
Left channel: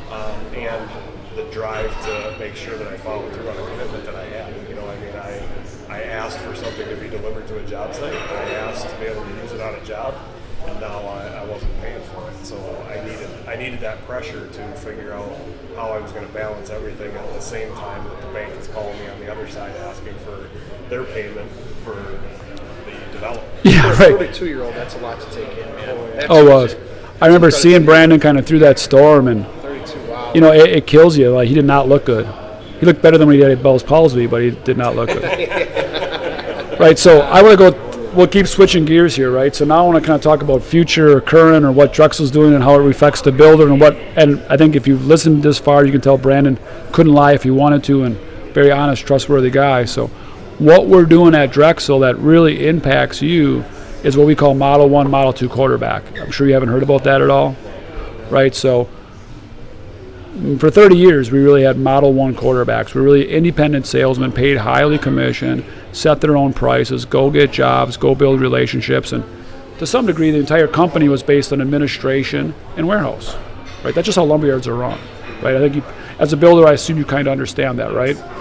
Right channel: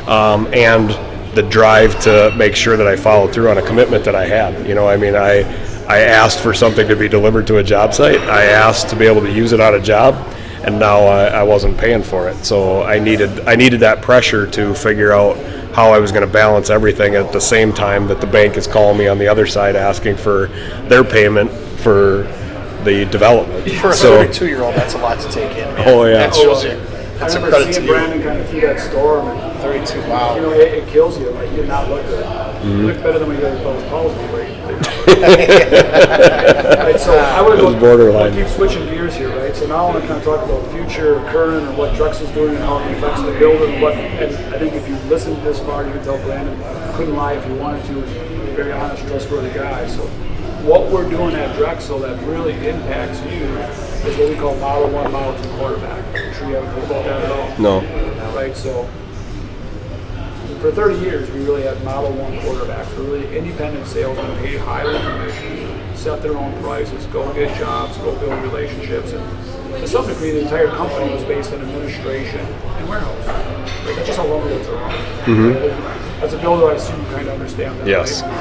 and the drive to make sure that I followed through on a commitment that I had. You know, I mean, I asked for something to be delivered to a job site. I asked to be able to use it on a job, and now I wasn't paying for it. So I needed that pressure to figure out how I was going to balance everything at the same time that the bank is calling me on the other side asking for their payment for the development. Yeah. For a 32-year-old, that's a lot to take in, man. Oh, yeah. I remember seeing Brandon kind of through that storm, and 32, wow. You know, it kills you. Like, he did not look good. Mm-hmm. He looked better than when he had Bell's palsy, but he did not look good. Right, so I want to go, we'll keep switching gears here, right? So now I want to kind of talk about future, current, or what Drexel's doing and how it affects the builder, and I think if you've listened this far, you can tell Brandon couldn't lie if he wanted to, and very honest, trustworthy guy. So what we're doing at Drexel that really impacts you is what we call Model 1, Model 2 quarterback. I'm sure you haven't heard about that at all. No. Right, so for 30 years, we really had Model 1 quarterbacks. We're really independent salesmen, paid highly commission, set their own prices, go get jobs, go build relationships. And to some degree, the entire company was based on administration and warehouse. Right? That's just how lumberyards are run. Mm-hmm. Right? I think as a builder, I assume you kind of understand that, yes. Right?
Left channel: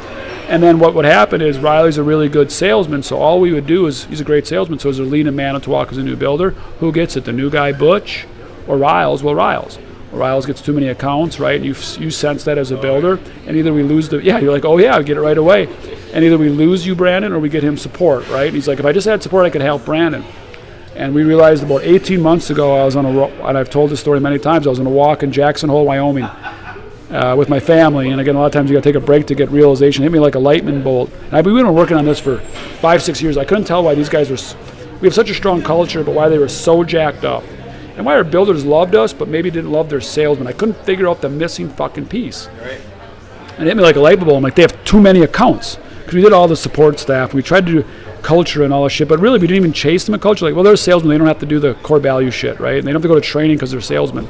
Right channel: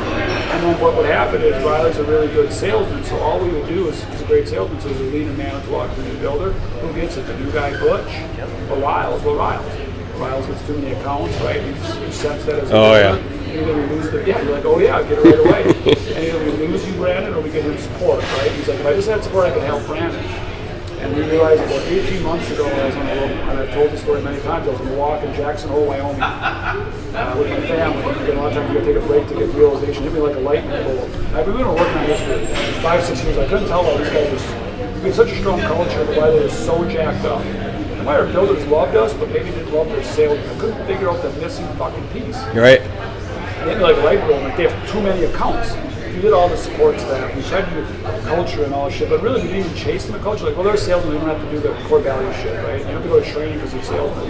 And then what would happen is Reilly's a really good salesman, so all we would do is, he's a great salesman, so as we lead in Manitowoc as a new builder, who gets it? The new guy, Butch, or Riles? Well, Riles. Riles gets too many accounts, right? You sense that as a builder, and either we lose you're like, oh yeah, get it right away. And either we lose you, Brandon, or we get him support, right? And he's like, if I just had support, I could help Brandon. And we realized about 18 months ago, and I've told this story many times, I was on a walk in Jackson Hole, Wyoming, with my family, and again, a lot of times you gotta take a break to get realization. It hit me like a lightning bolt. We've been working on this for 5-6 years. I couldn't tell why these guys we have such a strong culture, but why they were so jacked up. And why our builders loved us, but maybe didn't love their salesmen. I couldn't figure out the missing fucking piece. You're right. And it hit me like a lightning bolt. I'm like, they have too many accounts. Because we did all the support staff, we tried to do culture and all this shit, but really we didn't even chase them a culture. Like, well, they're salesmen, they don't have to do the core value shit, right? And they don't have to go to training because they're salesmen.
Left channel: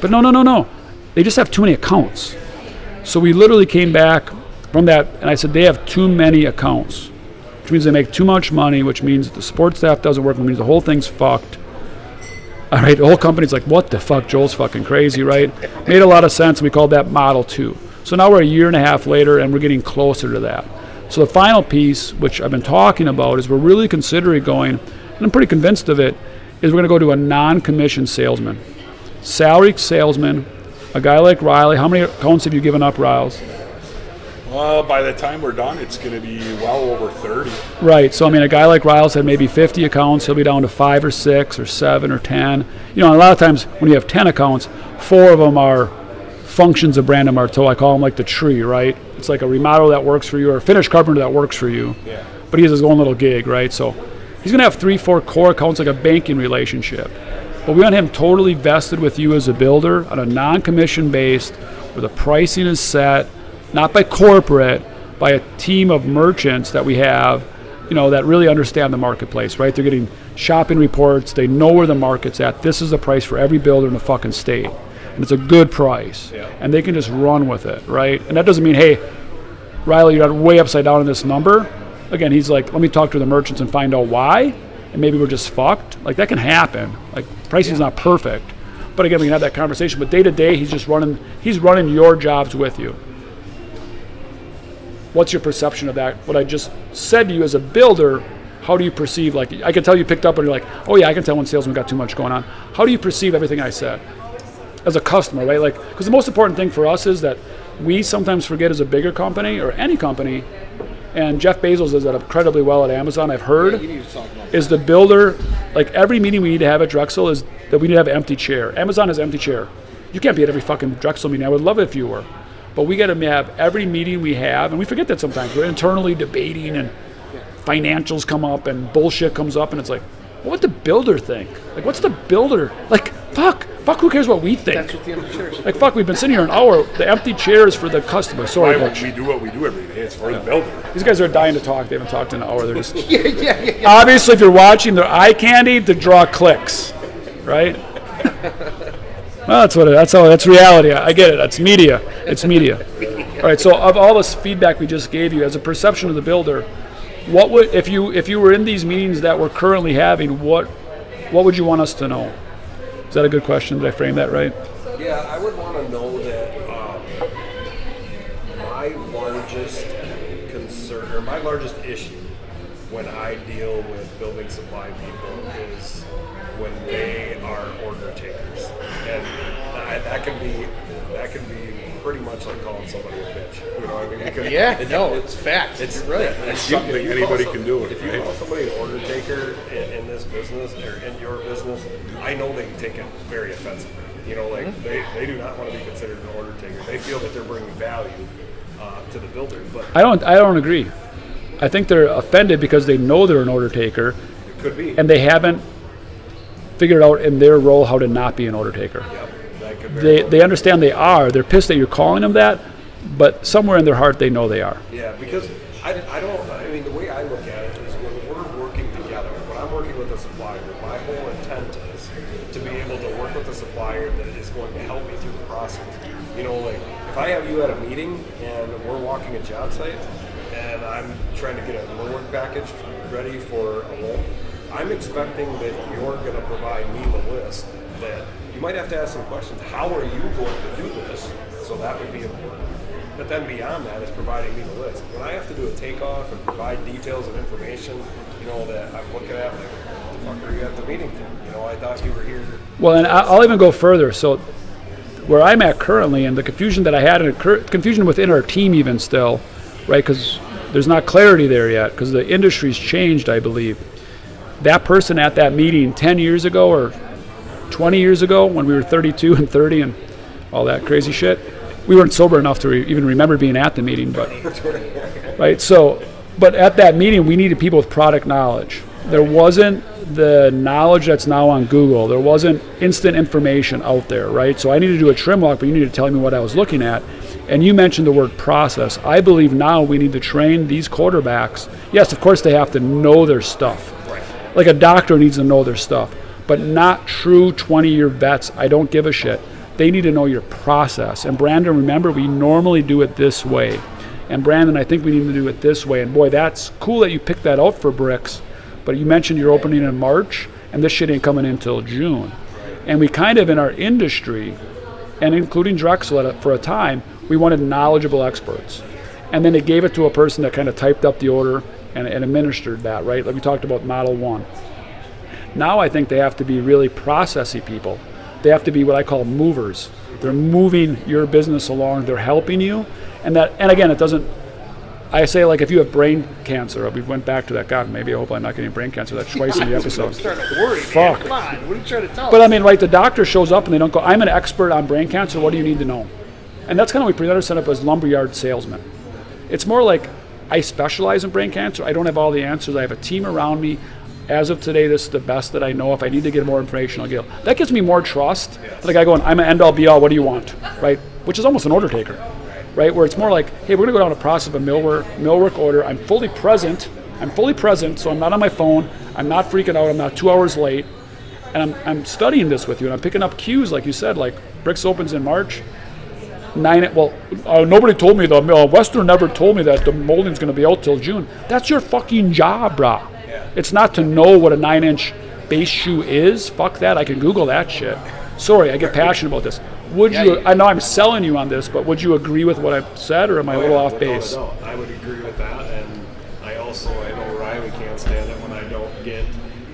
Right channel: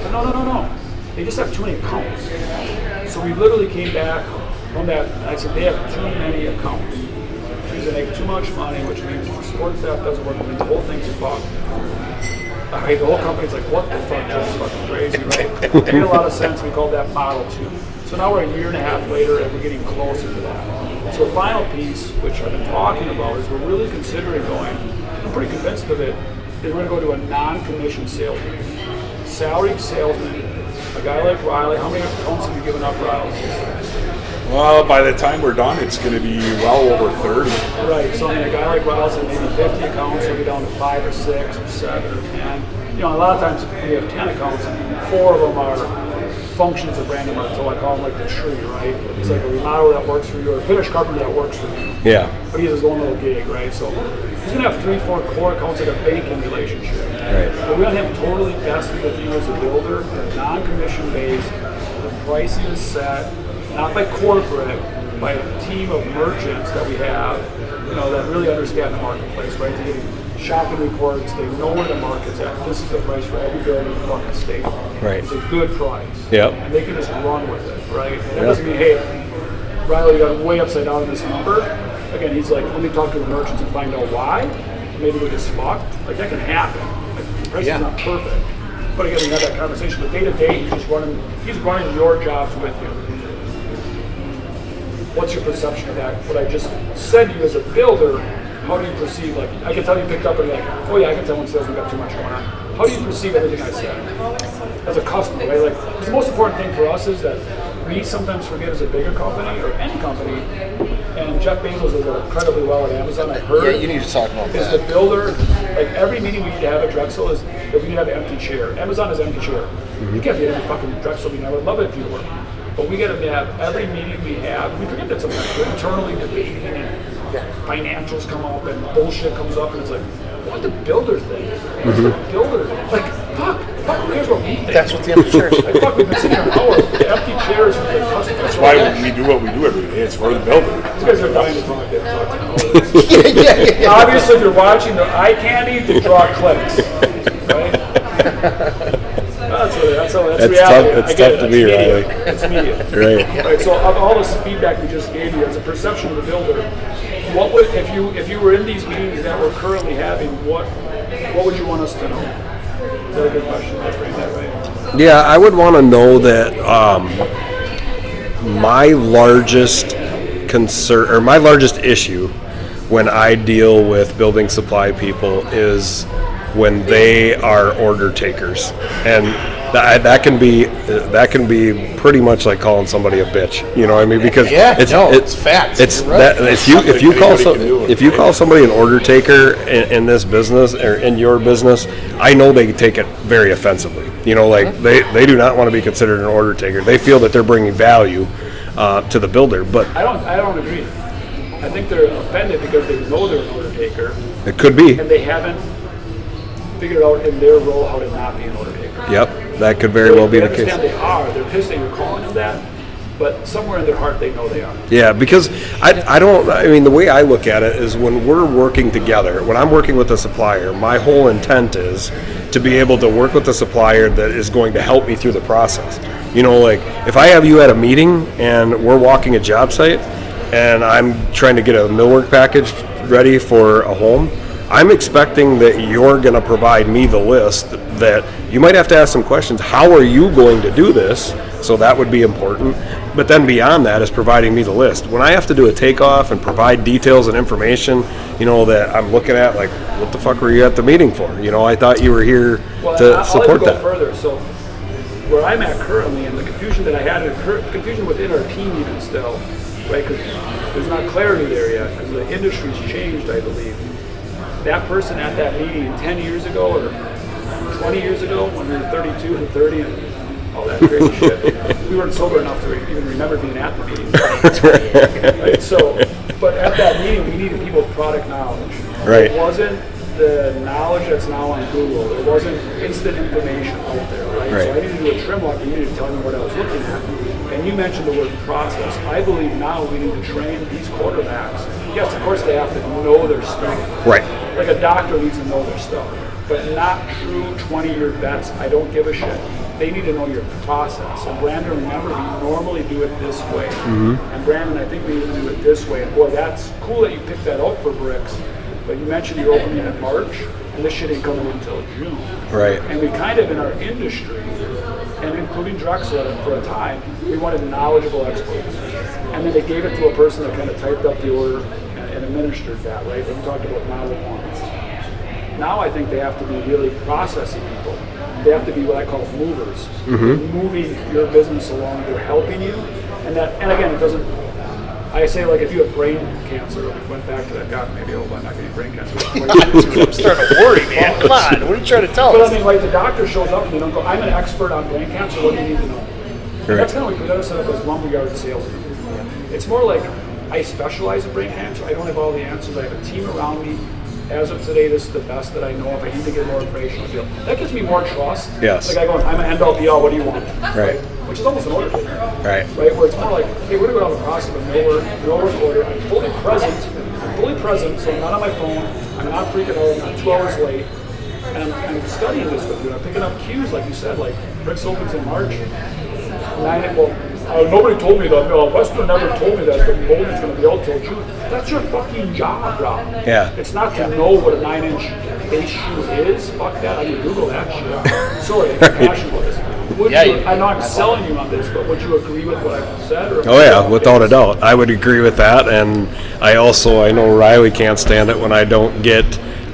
But no. They just have too many accounts. So we literally came back from that, and I said, they have too many accounts, which means they make too much money, which means if the support staff doesn't work, which means the whole thing's fucked. All right, the whole company's like, what the fuck, Joel's fucking crazy, right? It made a lot of sense, and we called that Model 2. So now we're a year and a half later, and we're getting closer to that. So the final piece, which I've been talking about, is we're really considering going, and I'm pretty convinced of it, is we're going to go to a non-commissioned salesman. Salaried salesman, a guy like Reilly. How many accounts have you given up, Riles? Well, by the time we're done, it's going to be well over 30. Right. So, I mean, a guy like Riles had maybe 50 accounts. He'll be down to 5 or 6 or 7 or 10. You know, a lot of times when you have 10 accounts, 4 of them are functions of Brandon Bartow. I call them like the tree, right? It's like a remodel that works for you or a finished carpenter that works for you. Yeah. But he has his own little gig, right? So he's going to have 3-4 core accounts, like a banking relationship. Right. But we want him totally vested with you as a builder on a non-commission based, where the pricing is set, not by corporate, by a team of merchants that we have, you know, that really understand the marketplace, right? They're getting shopping reports. They know where the market's at. This is the price for every builder in the fucking state. Right. It's a good price. Yep. And they can just run with it, right? And that doesn't mean, hey, Reilly, you got way upside down in this number. Again, he's like, let me talk to the merchants and find out why, and maybe we're just fucked. Like, that can happen. Like, pricing's not perfect. But again, we can have that conversation. But day to day, he's running your jobs with you. What's your perception of that? What I just said to you as a builder, how do you perceive, like, I can tell you picked up and you're like, oh yeah, I can tell when salesman got too much going on. How do you perceive everything I said as a customer, right? Like, because the most important thing for us is that we sometimes forget as a bigger company or any company, and Jeff Bezos does that incredibly well at Amazon, I've heard. Yeah, you need to talk about is that. the builder, like every meeting we need to have at Drexel is that we need to have an empty chair. Amazon has empty chair. You can't be at every fucking Drexel meeting. I would love it if you were. But we got to have every meeting we have, and we forget that sometimes. We're internally debating, and financials come up, and bullshit comes up, and it's like, what the builder think? What's the builder? Like, fuck, who cares what we think? That's what the empty chair is. Like, fuck, we've been sitting here an hour. The empty chairs for the customer. So Why would we do what we do every day? It's for the builder. these guys are dying to talk. They haven't talked in an hour. Obviously, if you're watching, they're eye candy to draw clicks, right? Well, that's reality. tough- I get it. tough That's to be media. reality. It's media. Right. All right. So, of all this feedback we just gave you, as a perception of the builder, what would if you were in these meetings that we're currently having, what would you want us to know? Is that a good question? Did I frame that right? Yeah, I would want to know that my largest concern or my largest issue when I deal with building supply people is when they are order takers, and that can be pretty much like calling somebody a bitch. You know what I mean? Because it's facts. It's You're right. that if you call somebody an order taker in this business or in your business, I know they take it very offensively. You know, like they do not want to be considered an order taker. They feel that they're bringing value to the builder, but I don't agree. I think they're offended because they know they're an order taker, it could be. and they haven't figured out in their role how to not be an order taker. Yep, that could very well be. They understand they are. They're pissed that you're calling them that, but somewhere in their heart they know they are. Yeah, because I mean, the way I look at it is when we're working together, when I'm working with a supplier, my whole intent is to be able to work with a supplier that is going to help me through the process. You know, like if I have you at a meeting and we're walking a job site and I'm trying to get a millwork package ready for a home, I'm expecting that you're going to provide me the list that you might have to ask some questions. How are you going to do this? So that would be important. But then beyond that is providing me the list. When I have to do a takeoff and provide details and information, you know, that I'm looking at, like, what the fuck were you at the meeting for? You know, I thought you were here Well, to and I'll even support go that. further. So where I'm at currently, and the confusion that I had, and confusion within our team even still, right? Because there's not clarity there yet, because the industry's changed, I believe. That person at that meeting 10 years ago or 20 years ago when we were 32 and 30 and all that crazy shit, we weren't sober enough to even remember being at the meeting. Right? So, but at that meeting, we needed people with product knowledge. Right. There wasn't the knowledge that's now on Google. There wasn't instant information out there, right? So Right. I needed to do a trim walk, but you needed to tell me what I was looking at. And you mentioned the word process. I believe now we need to train these quarterbacks. Yes, of course they have to know their stuff. Right. Like a doctor needs to know their stuff, but not true 20-year vets. I don't give a shit. they need to know your process. And Brandon, remember, we normally do it this way. And Brandon, I think we need to do it this way. And boy, that's cool that you picked that out for BRIX. But you mentioned you're opening in March, and this shit ain't coming in until June. Right. And we kind of, in our industry, and including Drexel for a time, we wanted knowledgeable experts. And then they gave it to a person that kind of typed up the order and administered that, right? Like we talked about Model 1. Now I think they have to be really processy people. They have to be what I call movers. They're moving your business along. They're helping you. And again, it doesn't, I say, like, if you have brain cancer, we went back to that, God, maybe I hope I'm not getting brain cancer. Like 20 years ago. I'm starting to worry, man. Come on, what are you trying to tell us? But I mean, like, the doctor shows up and they don't go, I'm an expert on brain cancer, what do you need to know? And that's kind of what we better set up as lumberyard salesmen. It's more like, I specialize in brain cancer, I don't have all the answers, I have a team around me. As of today, this is the best that I know. If I need to get more information, I'll get it. That gives me more trust. Yes. Like I go, I'm an end-all be-all, what do you want? Right. Which is almost an order taker. Right. Where it's more like, hey, we're gonna go down a process of a millwork order. I'm fully present, so I'm not on my phone. I'm not freaking out. I'm not 2 hours late. And I'm studying this with you. And I'm picking up cues, like you said, like BRIX opens in March. Nobody told me Western never told me that the molding's going to be out till June. That's your fucking job, bro. Yeah. It's not to know what a 9-inch base shoe is. Fuck that. I can Google that shit. Sorry, I get passionate about this. I know I'm selling you on this, but would you agree with what I said? Or Without a doubt, I would agree with that. And I know Reilly can't stand it when I don't get.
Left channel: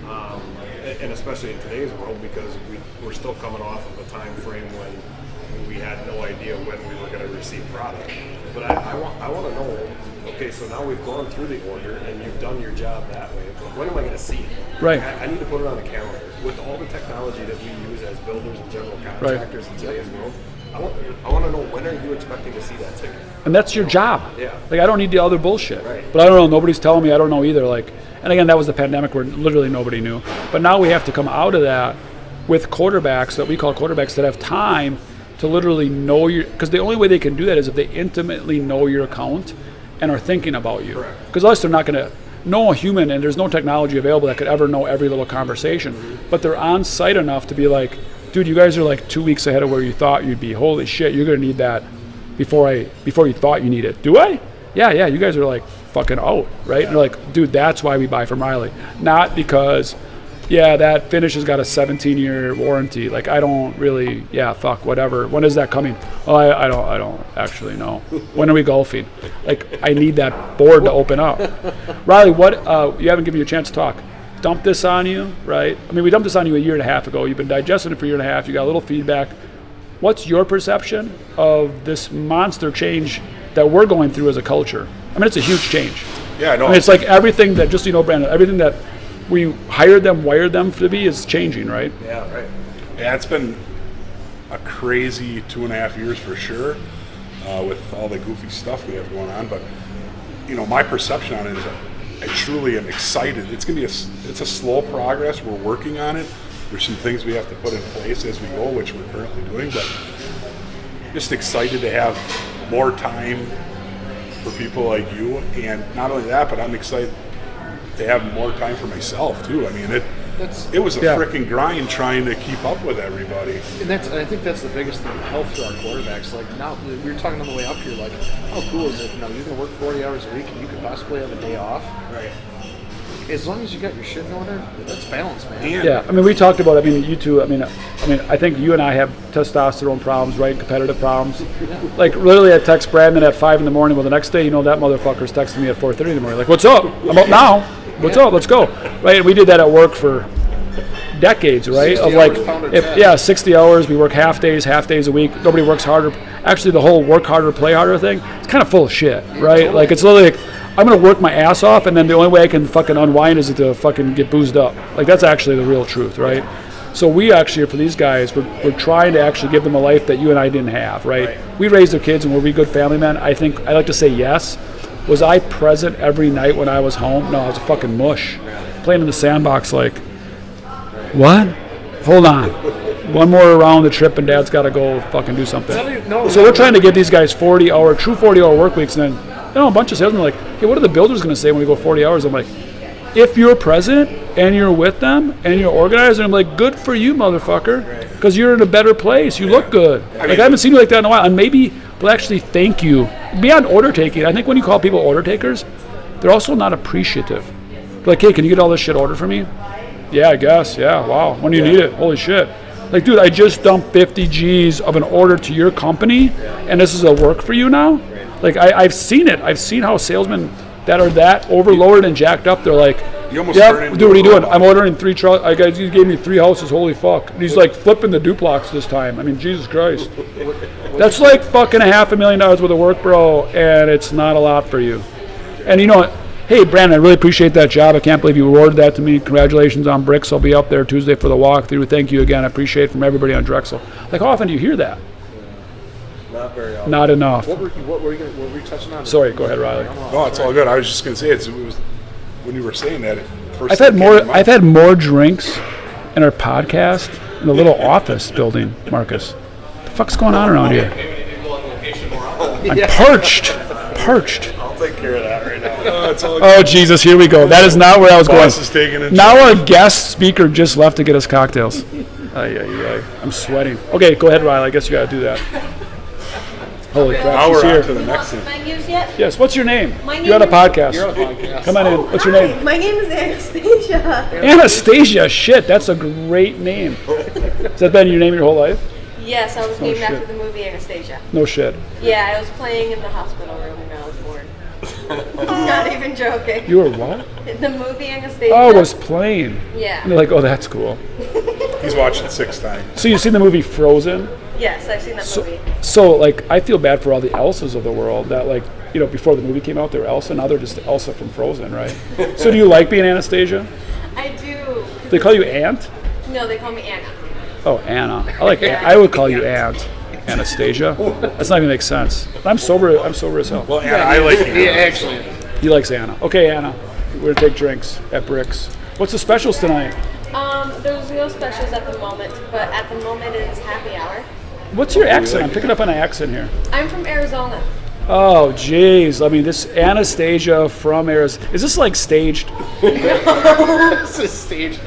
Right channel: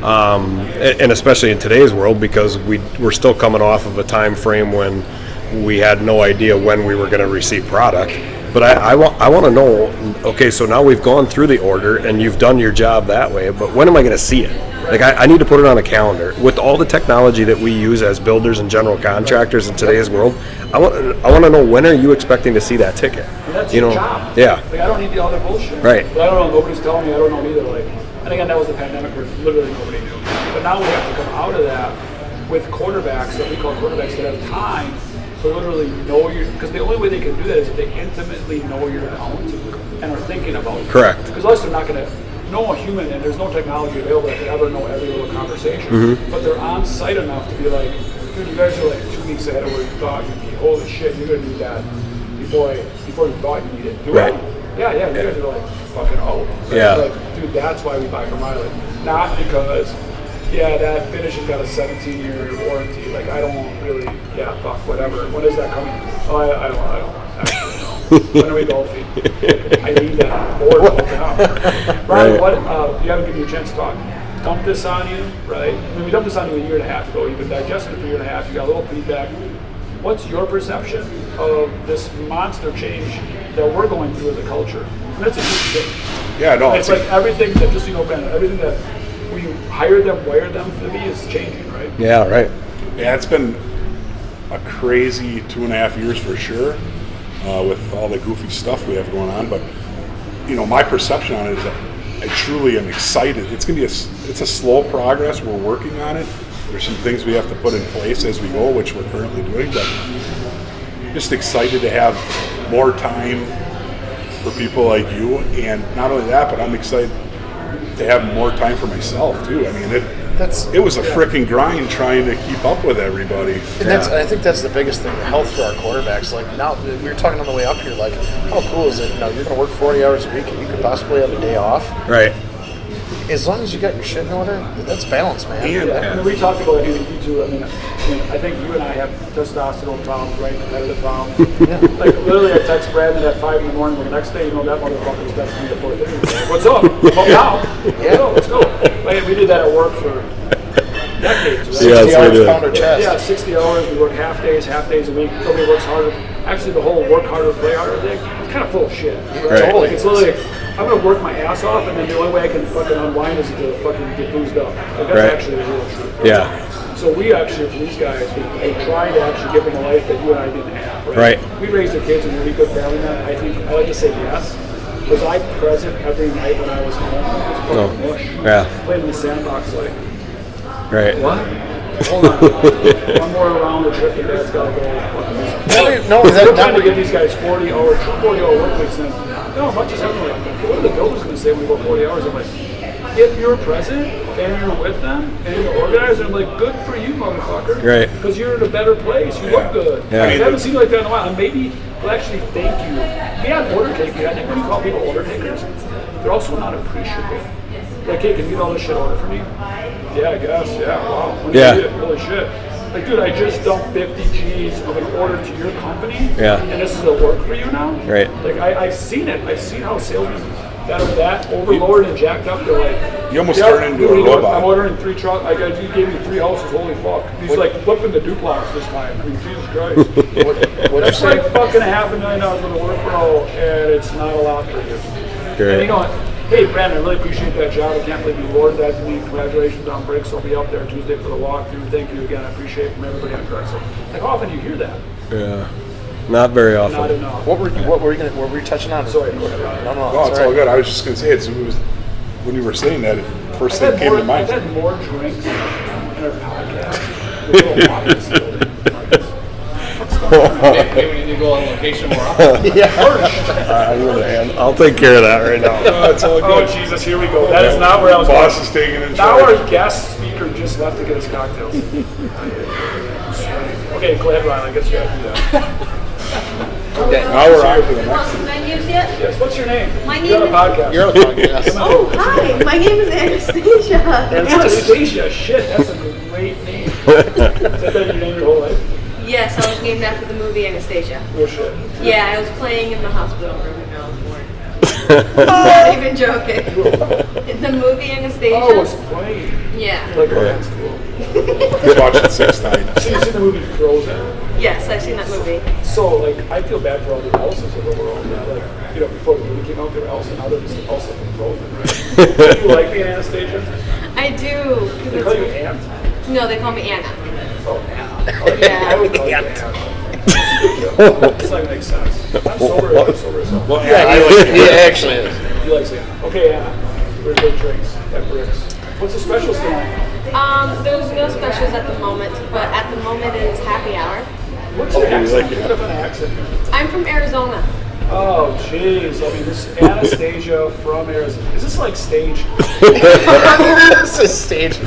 And especially in today's world, because we're still coming off of a time frame when we had no idea when we were going to receive product. But I want to know, okay, so now we've gone through the order and you've done your job that way, but when am I going to see it? Right. Like I need to put it on a calendar. With all the technology that we use as builders and general contractors in today's world, I want to know, when are you expecting to see that ticket? And that's your job. Yeah. Like, I don't need the other bullshit. Right. But I don't know, nobody's telling me, I don't know either. Like, and again, that was the pandemic where literally nobody knew. But now we have to come out of that with quarterbacks that we call quarterbacks that have time to literally know because the only way they can do that is if they intimately know your account and are thinking about you. Correct. Because otherwise they're not going to know a human, and there's no technology available that could ever know every little conversation. But they're on site enough to be like, dude, you guys are like 2 weeks ahead of where you thought you'd be. Holy shit, you're going to need that before you thought you need it. Do I? Yeah, you guys are like fucking out, right? Yeah. You're like, dude, that's why we buy from Reilly. Not because that finish has got a 17-year warranty. Like, I don't really, fuck, whatever. When is that coming? Oh, I don't actually know. When are we golfing? Like, I need that board to open up. Reilly, what, you haven't given you a chance to talk. Dump this on you, right? I mean, we dumped this on you a year and a half ago. You've been digesting it for a year and a half. You got a little feedback. What's your perception of this monster change that we're going through as a culture? I mean, it's a huge change. Yeah, I know. I mean, it's like everything that, just so you know, Brandon, everything that we hired them, wired them to be is changing, right? Yeah, right. Yeah, it's been a crazy 2.5 years for sure, with all the goofy stuff we have going on. But my perception on it is that I truly am excited. It's gonna be it's a slow progress. We're working on it. There's some things we have to put in place as we go, which we're currently doing. But just excited to have more time for people like you, and not only that, but I'm excited to have more time for myself too. I mean, it was a freaking grind trying to keep up with everybody. And I think that's the biggest thing, the health for our quarterbacks. Like, now, we were talking on the way up here, like, how cool is it? You're going to work 40 hours a week and you could possibly have a day off. Right. As long as you got your shit in order, that's balance, man. Yeah, I mean, we talked about, you two, I think you and I have testosterone problems, right? Competitive problems. Like, literally, I text Brandon at 5 in the morning. Well, the next day, that motherfucker's texting me at 4:30 in the morning. Like, what's up? I'm up now. What's up? Let's go. Right? And we did that at work for decades, right? Yeah, So, that's 60 hours. We work half days a week. Nobody works harder. Actually, the whole work harder, play harder thing, it's kind of full of shit, right? Like, it's literally like, I'm going to work my ass off, and then the only way I can fucking unwind is to fucking get boozed up. Like, that's actually the real truth, right? Yeah. So we actually, for these guys, we're trying to actually give them a life that you and I didn't have, right? Right. We raised their kids, and were we good family men? I think, I like to say yes. Was I present every night when I was home? No, I was a fucking mush. Yeah. Playing in the sandbox like, Right. what? Hold on. One more around the trip, and Dad's got to go fucking do something. No, So we're trying to give these guys 40-hour work weeks, and then a bunch of salesmen are like, hey, what are the builders going to say when we go 40 hours? I'm like, if you're present, and you're with them and you're organized, and I'm like, good for you, motherfucker. Right. Because you're in a better place. You look good. Yeah. Like, I haven't seen you like that in a while. And maybe they'll actually thank you. Beyond order taking, I think when you call people order takers, they're also not appreciative. Like, hey, can you get all this shit ordered for me? Yeah, I guess. Yeah, wow. When do you need it? Holy shit. Like, dude, I just dumped 50 G's of an order to your company, and this is a work for you now? Right. Like, I've seen it. I've seen how salesmen that are that overloaded and jacked up, they're like, You almost turn into dude, what are you a doing? robot. I'm ordering 3 trucks. You gave me 3 houses. Holy fuck. And he's like flipping the duplex this time. I mean, Jesus Christ. That's like fucking $500,000 worth of work, bro, and it's not a lot for you. Great. And you know what? Hey, Brandon, I really appreciate that job. I can't believe you awarded that to me. Congratulations on BRIX. I'll be up there Tuesday for the walkthrough. Thank you again. I appreciate it from everybody on Drexel. Like, how often do you hear that? Yeah. Not very often. Not enough. What were you touching on? Sorry, go ahead, Riley. No, Oh, it's all good. I was just gonna say it was when you were saying that. First I've thing had came more. to mind. I've had more drinks in our podcast in the little office building, Marcus. What the fuck's going on around here? Maybe we need to go on location more often. Perched. I'll take care of that right now. It's all Oh good. Jesus, here we go. That is not where I was going. Boss is taking it. Now our guest speaker just left to get us cocktails. I'm sweating. Okay, go ahead, Riley. I guess you got to do that. Holy crap, Now she's we're on here. to the next thing. Menus yet? Yes. What's your name? My You're on a name podcast. You're on a podcast. Come on in. What's your name? Hi, my name is Anastasia. Anastasia. Shit, that's a great name. Has that been your name your whole life? Yes, I was named after the movie Anastasia. No shit. Yeah, I was playing in the hospital room when I was born. Not even joking. You were what? In the movie Anastasia. Oh, it was playing. Yeah. You're like, oh, that's cool. He's watched it 6 times. So you've seen the movie Frozen? Yes, I've seen that movie. So, like, I feel bad for all the Elsas of the world that, like, you know, before the movie came out, they were Elsa. Now they're just Elsa from Frozen, right? So do you like being Anastasia? I do. They call you Aunt? No, they call me Anna. Oh, Anna. I would call you Aunt. Anastasia. That's not even make sense. I'm sober as hell. Well, yeah, I like He actually is. He likes Anna. Okay, Anna. We're gonna take drinks at BRIX. What's the specials tonight? There's no specials at the moment, but at the moment it is happy hour. What's your accent? I'm picking up an accent here. I'm from Arizona. Oh, jeez. I mean, this Anastasia from Arizona. Is this like staged? This is stage.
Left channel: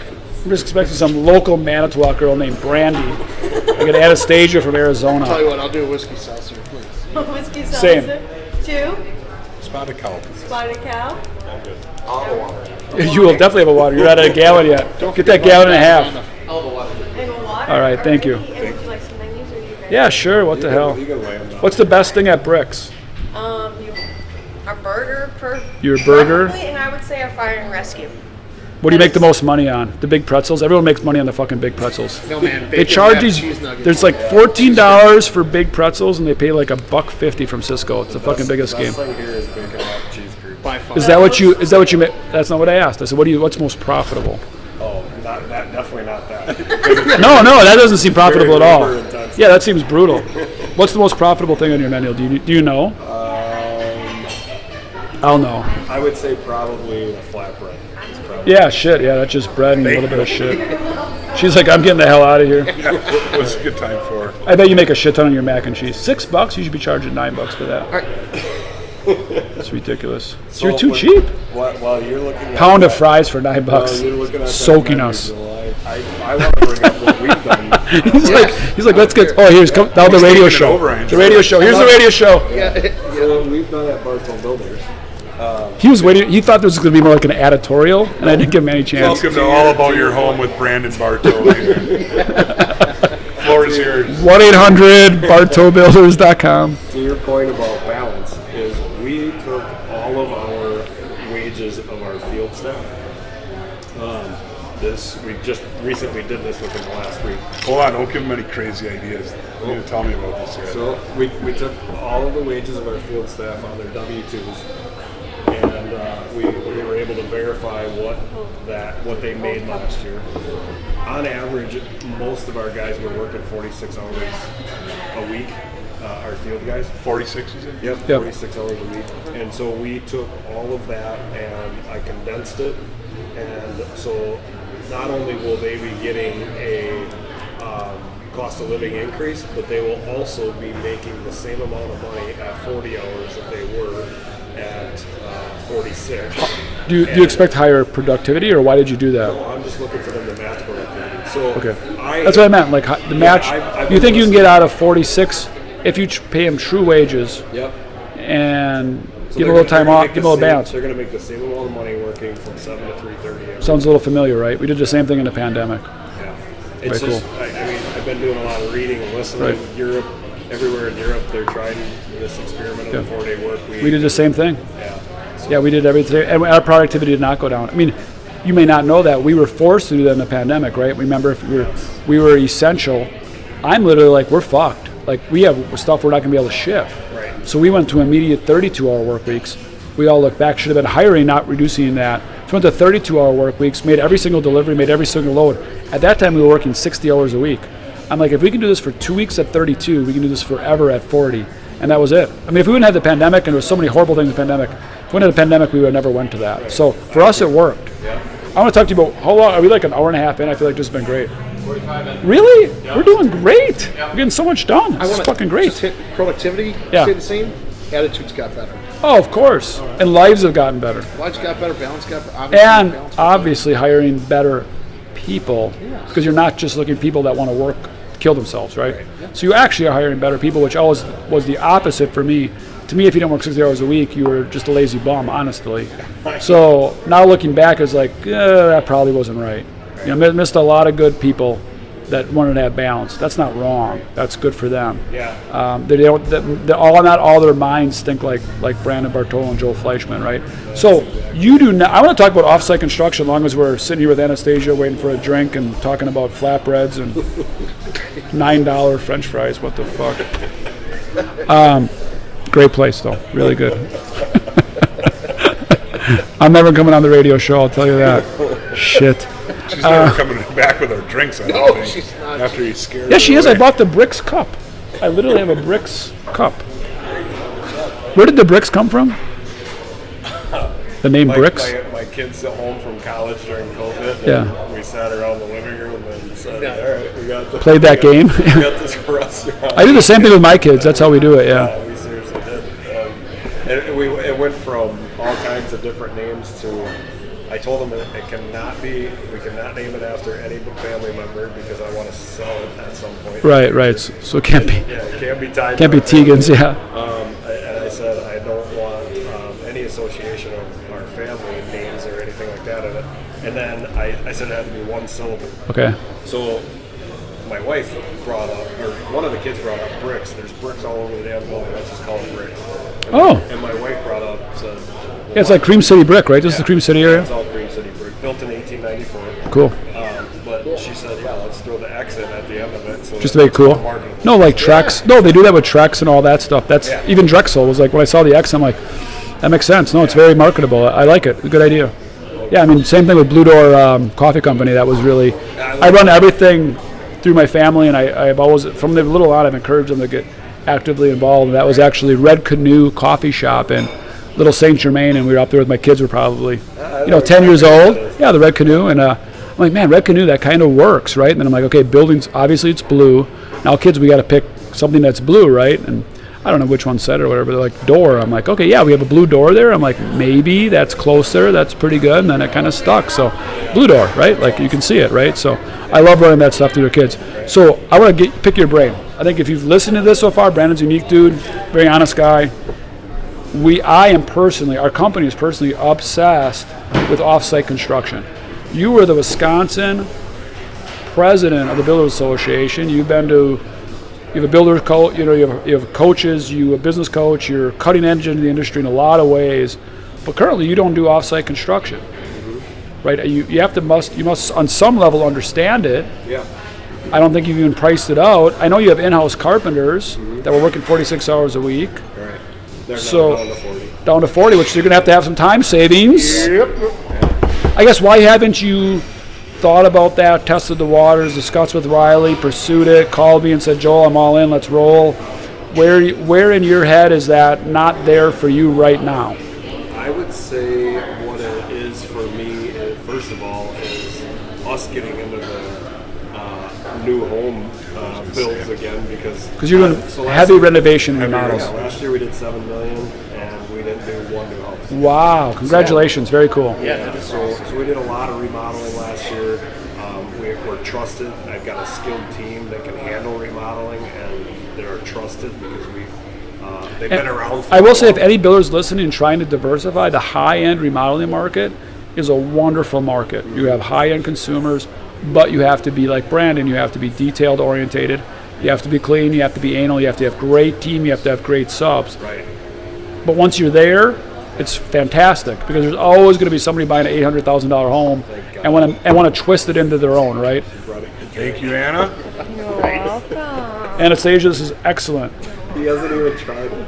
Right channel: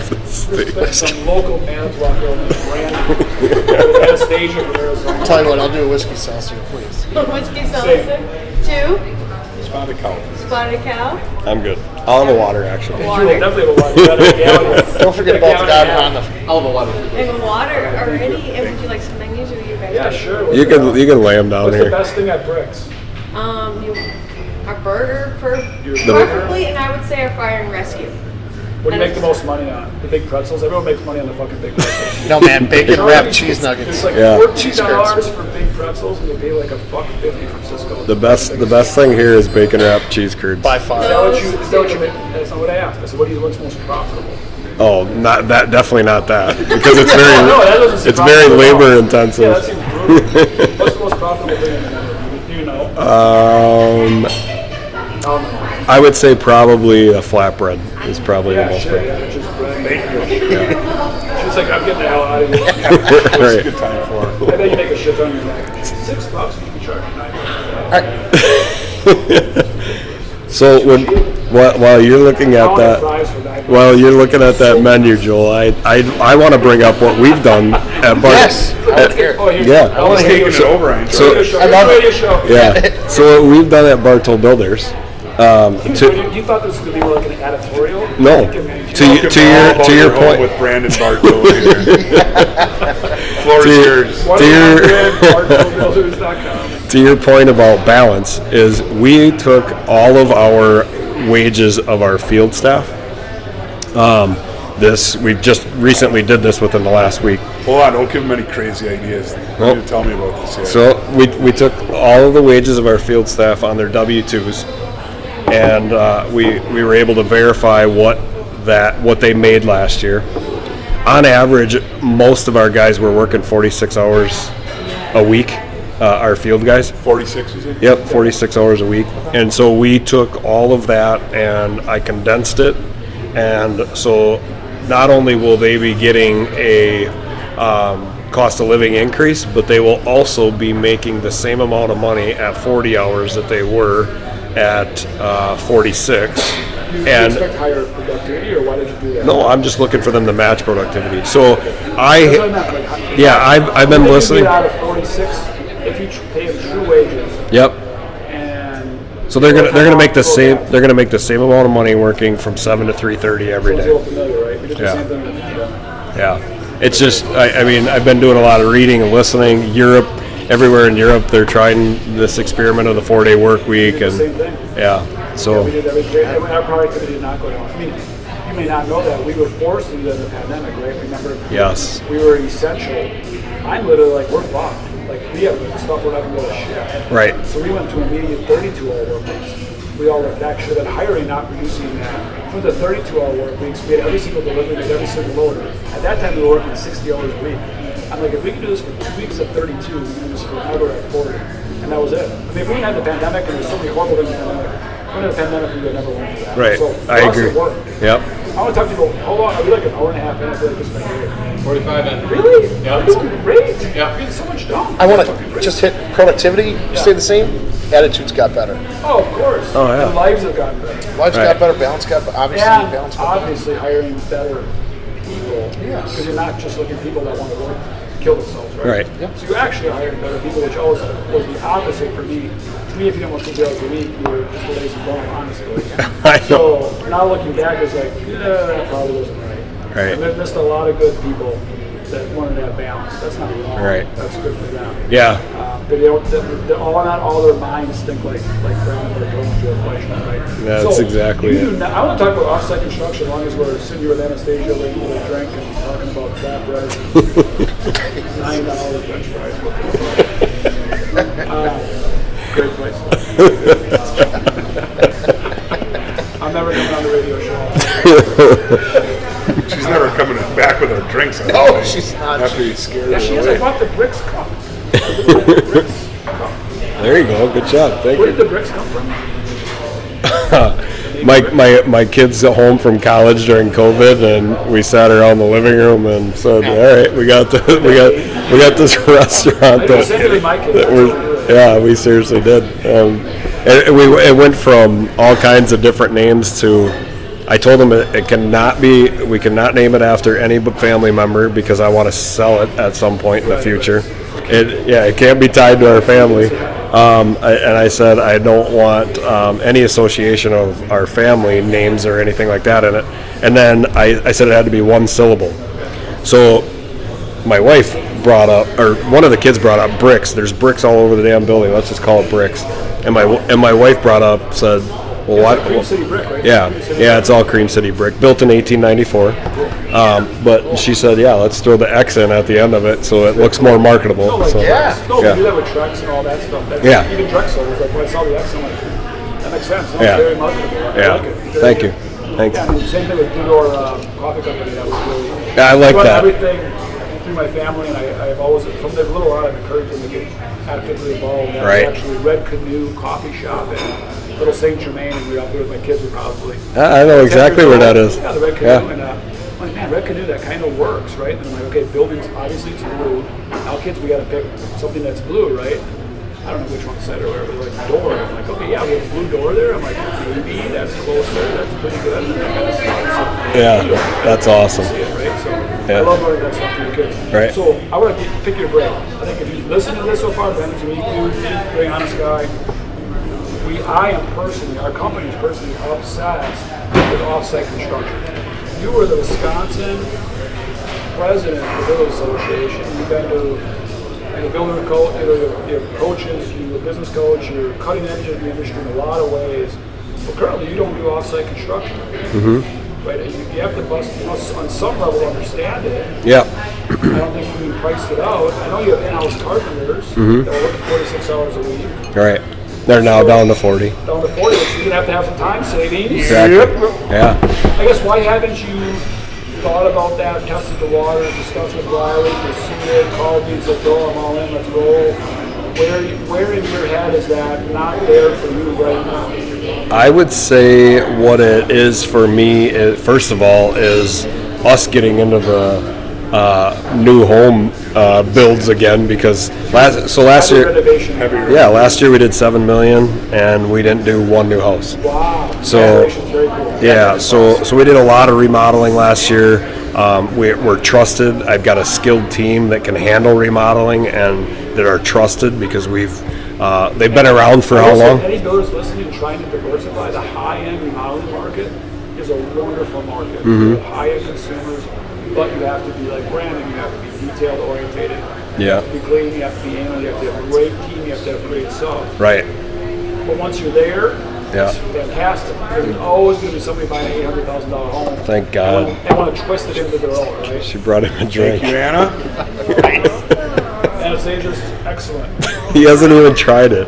We're expecting some local Manitowoc girl named Brandon. Like an Anastasia from Arizona. Tell you what, I'll do a whiskey seltzer, please. Whiskey Same. seltzer. 2 Spotted cow. spotted cow. I'm good. I'll have a water, actually. You will definitely have a water. You're not at a gallon yet. Don't forget that gallon and a half. I'll have a water. And a water. All right, thank you. already. And would you like some menus or are you ready? Yeah, sure. What You the hell? can lay them down What's here. the best thing at BRIX? Our burger Your burger? Probably, and I would say our fire and rescue. What do you make the most money on? The big pretzels? Everyone makes money on the fucking big pretzels. No, man, They bacon charge wrapped these, cheese nuggets. there's like Yeah. $14 for big pretzels, and they pay like $1.50 from Cisco. It's The best thing here is bacon wrapped cheese curds. By far. Is that what you make? That's not what I asked. I said, what's most profitable? Oh, not that. Definitely not that. Because it's very, No, that doesn't seem it's very profitable at all. labor intensive. Yeah, that seems brutal. What's the most profitable thing on your menu? Do you know? I'll know. I would say probably a flatbread is probably. Yeah, the most- shit. Yeah, that's just bread and a little bit of sugar. She's like, I'm getting the hell out of here. What's a good time for? I bet you make a shit ton on your mac and cheese. $6, you should be charging $9 for that. That's ridiculous. So Too cheap. while you're looking at Pound that, of fries for $9. while you're looking at that Soaking menu, us. Joel, I want to bring up what we've done at BRIX. He's like, let's get. Oh, here's Yeah. down the radio Taking it show. over, Ryan. The radio show. Here's the radio show. Yeah. So what we've done at Bartow Builders. He was waiting. He thought this was going to be more like an editorial. No. I didn't give him any To chance. you- To your your home point- with Brandon Bartow. Right here. Floor is yours. 1-800-BartowBuilders.com. To your point about balance, is we took all of our wages of our field staff. We just recently did this within the last week. Hold on, don't give him any crazy ideas. You need to tell me about this yet. So we took all of the wages of our field staff on their W-2s, and we were able to verify what they made last year. On average, most of our guys were working 46 hours a week. Our field guys. 46, you said? Yep, 46 hours a week. And so we took all of that and I condensed it. And so not only will they be getting a cost of living increase, but they will also be making the same amount of money at 40 hours that they were at 46. Do you expect higher productivity, or why did you do that? No, I'm just looking for them to match productivity. So That's what I meant. Like, I've been listening. You can listening. get out of 46 if you pay them true wages. Yep. And So they're going to make the same. They're going to make the same amount of money working from 7 to 3:30 every Sounds day. a little familiar, right? We did the same thing in the pandemic. Yeah. It's just. I mean, I've been doing a lot of reading and listening. Europe, everywhere in Europe, they're trying this experiment of the 4-day work week. We did the same thing. Yeah. So Yeah, we did everything, and our productivity did not go down. I mean, you may not know that we were forced to do that in the pandemic, right? Remember? Yes. We were essential. I'm literally like, we're fucked. Like, we have stuff we're not going to be able to ship. Right. So we went to immediate 32-hour work weeks. We all look back, should have been hiring, not reducing that. So went to 32-hour work weeks, made every single delivery, made every single load. At that time, we were working 60 hours a week. I'm like, if we can do this for 2 weeks at 32, we can do this forever at 40. And that was it. I mean, if we wouldn't have the pandemic, and there's so many horrible things in the pandemic, if we wouldn't have the pandemic, we would have never went to that. Right. So for I us, agree. it worked. Yep. I want to talk to you about how long, are we like an hour and a half in? I feel like this has been great. 45 in. Really? Yeah. We're doing great. Yeah. We're getting so much done. I It's want fucking to great. just hit productivity, Yeah. stay the same. Attitudes got better. Oh, of course. Oh, yeah. And lives have gotten better. Lives Right. got better. Balance got better. Obviously, And balance got better. obviously hiring better people, Yes. because you're not just looking at people that want to work, kill themselves, right? Right. Yeah. So you actually are hiring better people, which always was the opposite for me. To me, if you didn't work 60 hours a week, you were just a lazy bum, honestly. I know. So now looking back, it's like, yeah, that probably wasn't right. Right. I missed a lot of good people that wanted to have balance. That's not wrong. Right. That's good for them. Yeah. Not all their minds think like Brandon Bartow and Joe Fleischman, right? That's so exactly you it. do not. I want to talk about offsite construction, as long as we're sitting here with Anastasia, waiting for a drink and talking about flatbreads and $9 French fries. What the fuck? Great place though, really good. I'm never coming on the radio show. I'll tell you that. Shit. She's never coming back with our drinks. I don't No, think, she's not. After you scared Yeah, she her is. I away. bought the BRIX cup. I literally have a BRIX cup. There you go. Good job. Thank Where you. did the BRIX come from? The name My, BRIX? my kids at home from college during COVID, and we sat around the living room and said, "All right, we got the Played that game. we got this restaurant." I do the same thing with my kids. That's how we do it. Yeah. We seriously did. It went from all kinds of different names to. I told them it cannot be. We cannot name it after any family member because I want to sell it at some point in the future. Right. So it can't be. It can't be tied to Can't our be family. Tegans, yeah. And I said I don't want any association of our family names or anything like that in it. And then I said it had to be one syllable. Okay. So my wife brought up, or one of the kids brought up bricks. There's bricks all over the damn building. Let's just call it bricks. And my wife brought up, said, well, Yeah, it's like Cream City brick, right? This is Cream City. it's all Cream City brick, built in 1894. Cool. But she said, let's throw the X in at the end of it so Just it make looks cool. more marketable. No, like So- Trex. No, they do that with Trex and all that stuff. That's even Drexel was like, when I saw the X, I'm like, that makes sense. No, it's Yeah. very marketable. I like it. Good Thank idea. you. Thank Yeah, I you. mean, same thing with Blue Door Coffee Company. That was really. I like run that. everything through my family, and I've always, from the little on, I've encouraged them to get actively involved. That was Right. actually Red Canoe Coffee Shop in Little Saint Germain, and we were up there with my kids. Were probably I know 10 exactly years where old. that is. Yeah, the Red Canoe, Yeah. and I'm like, man, Red Canoe, that kind of works, right? And then I'm like, okay, buildings, obviously it's blue. Now, kids, we got to pick something that's blue, right? And I don't know which one said it or whatever. They're like, door. I'm like, okay, yeah, we have a blue door there. I'm like, maybe that's closer. That's pretty good. And then it kind of stuck. So, Yeah, blue door, right? that's like you awesome. can see it, right? So, I love running that stuff through your kids. Right. So, I want to pick your brain. I think if you've listened to this so far, Brandon's a unique dude, very honest guy. Our company is personally obsessed with off-site construction. You were the Wisconsin president of the Builders Association. You've been to, you're the builder coach. You have coaches. You're a business coach. You're cutting edge in the industry in a lot of ways. But currently, you don't do off-site construction. Mm-hmm. Right? You must on some level understand it. Yeah. I don't think you've even priced it out. I know you have in-house carpenters that were working 46 hours a week. Right. They're now So- down to 40. Down to 40, which you're going to have some time savings. Exactly. Yeah. I guess, why haven't you thought about that, tested the waters, discussed with Reilly, pursued it, called me and said, Joel, I'm all in, let's roll? Where in your head is that not there for you right now? I would say what it is for me, first of all, is us getting into new home builds again because last Heavy year, renovation. last year we did $7 million and we didn't do one new house. Wow! Congratulations, very cool. Yeah, so we did a lot of remodeling last year. We're trusted. I've got a skilled team that can handle remodeling and that are trusted because they've been around for I how will say, long? if any builders listening and trying to diversify, the high-end remodeling market is a wonderful market. You have high-end consumers, but you have to be like Brandon. You have to be detailed orientated. You have to be clean. You have to be anal. You have to have great team. You have to have great subs. Right. But once you're there, it's fantastic because there's always going to be somebody buying an $800,000 home. Thank God. And want to twist it into their own, right? She brought him a drink. Thank you, Anna. Anastasia, this is excellent. He hasn't even tried it.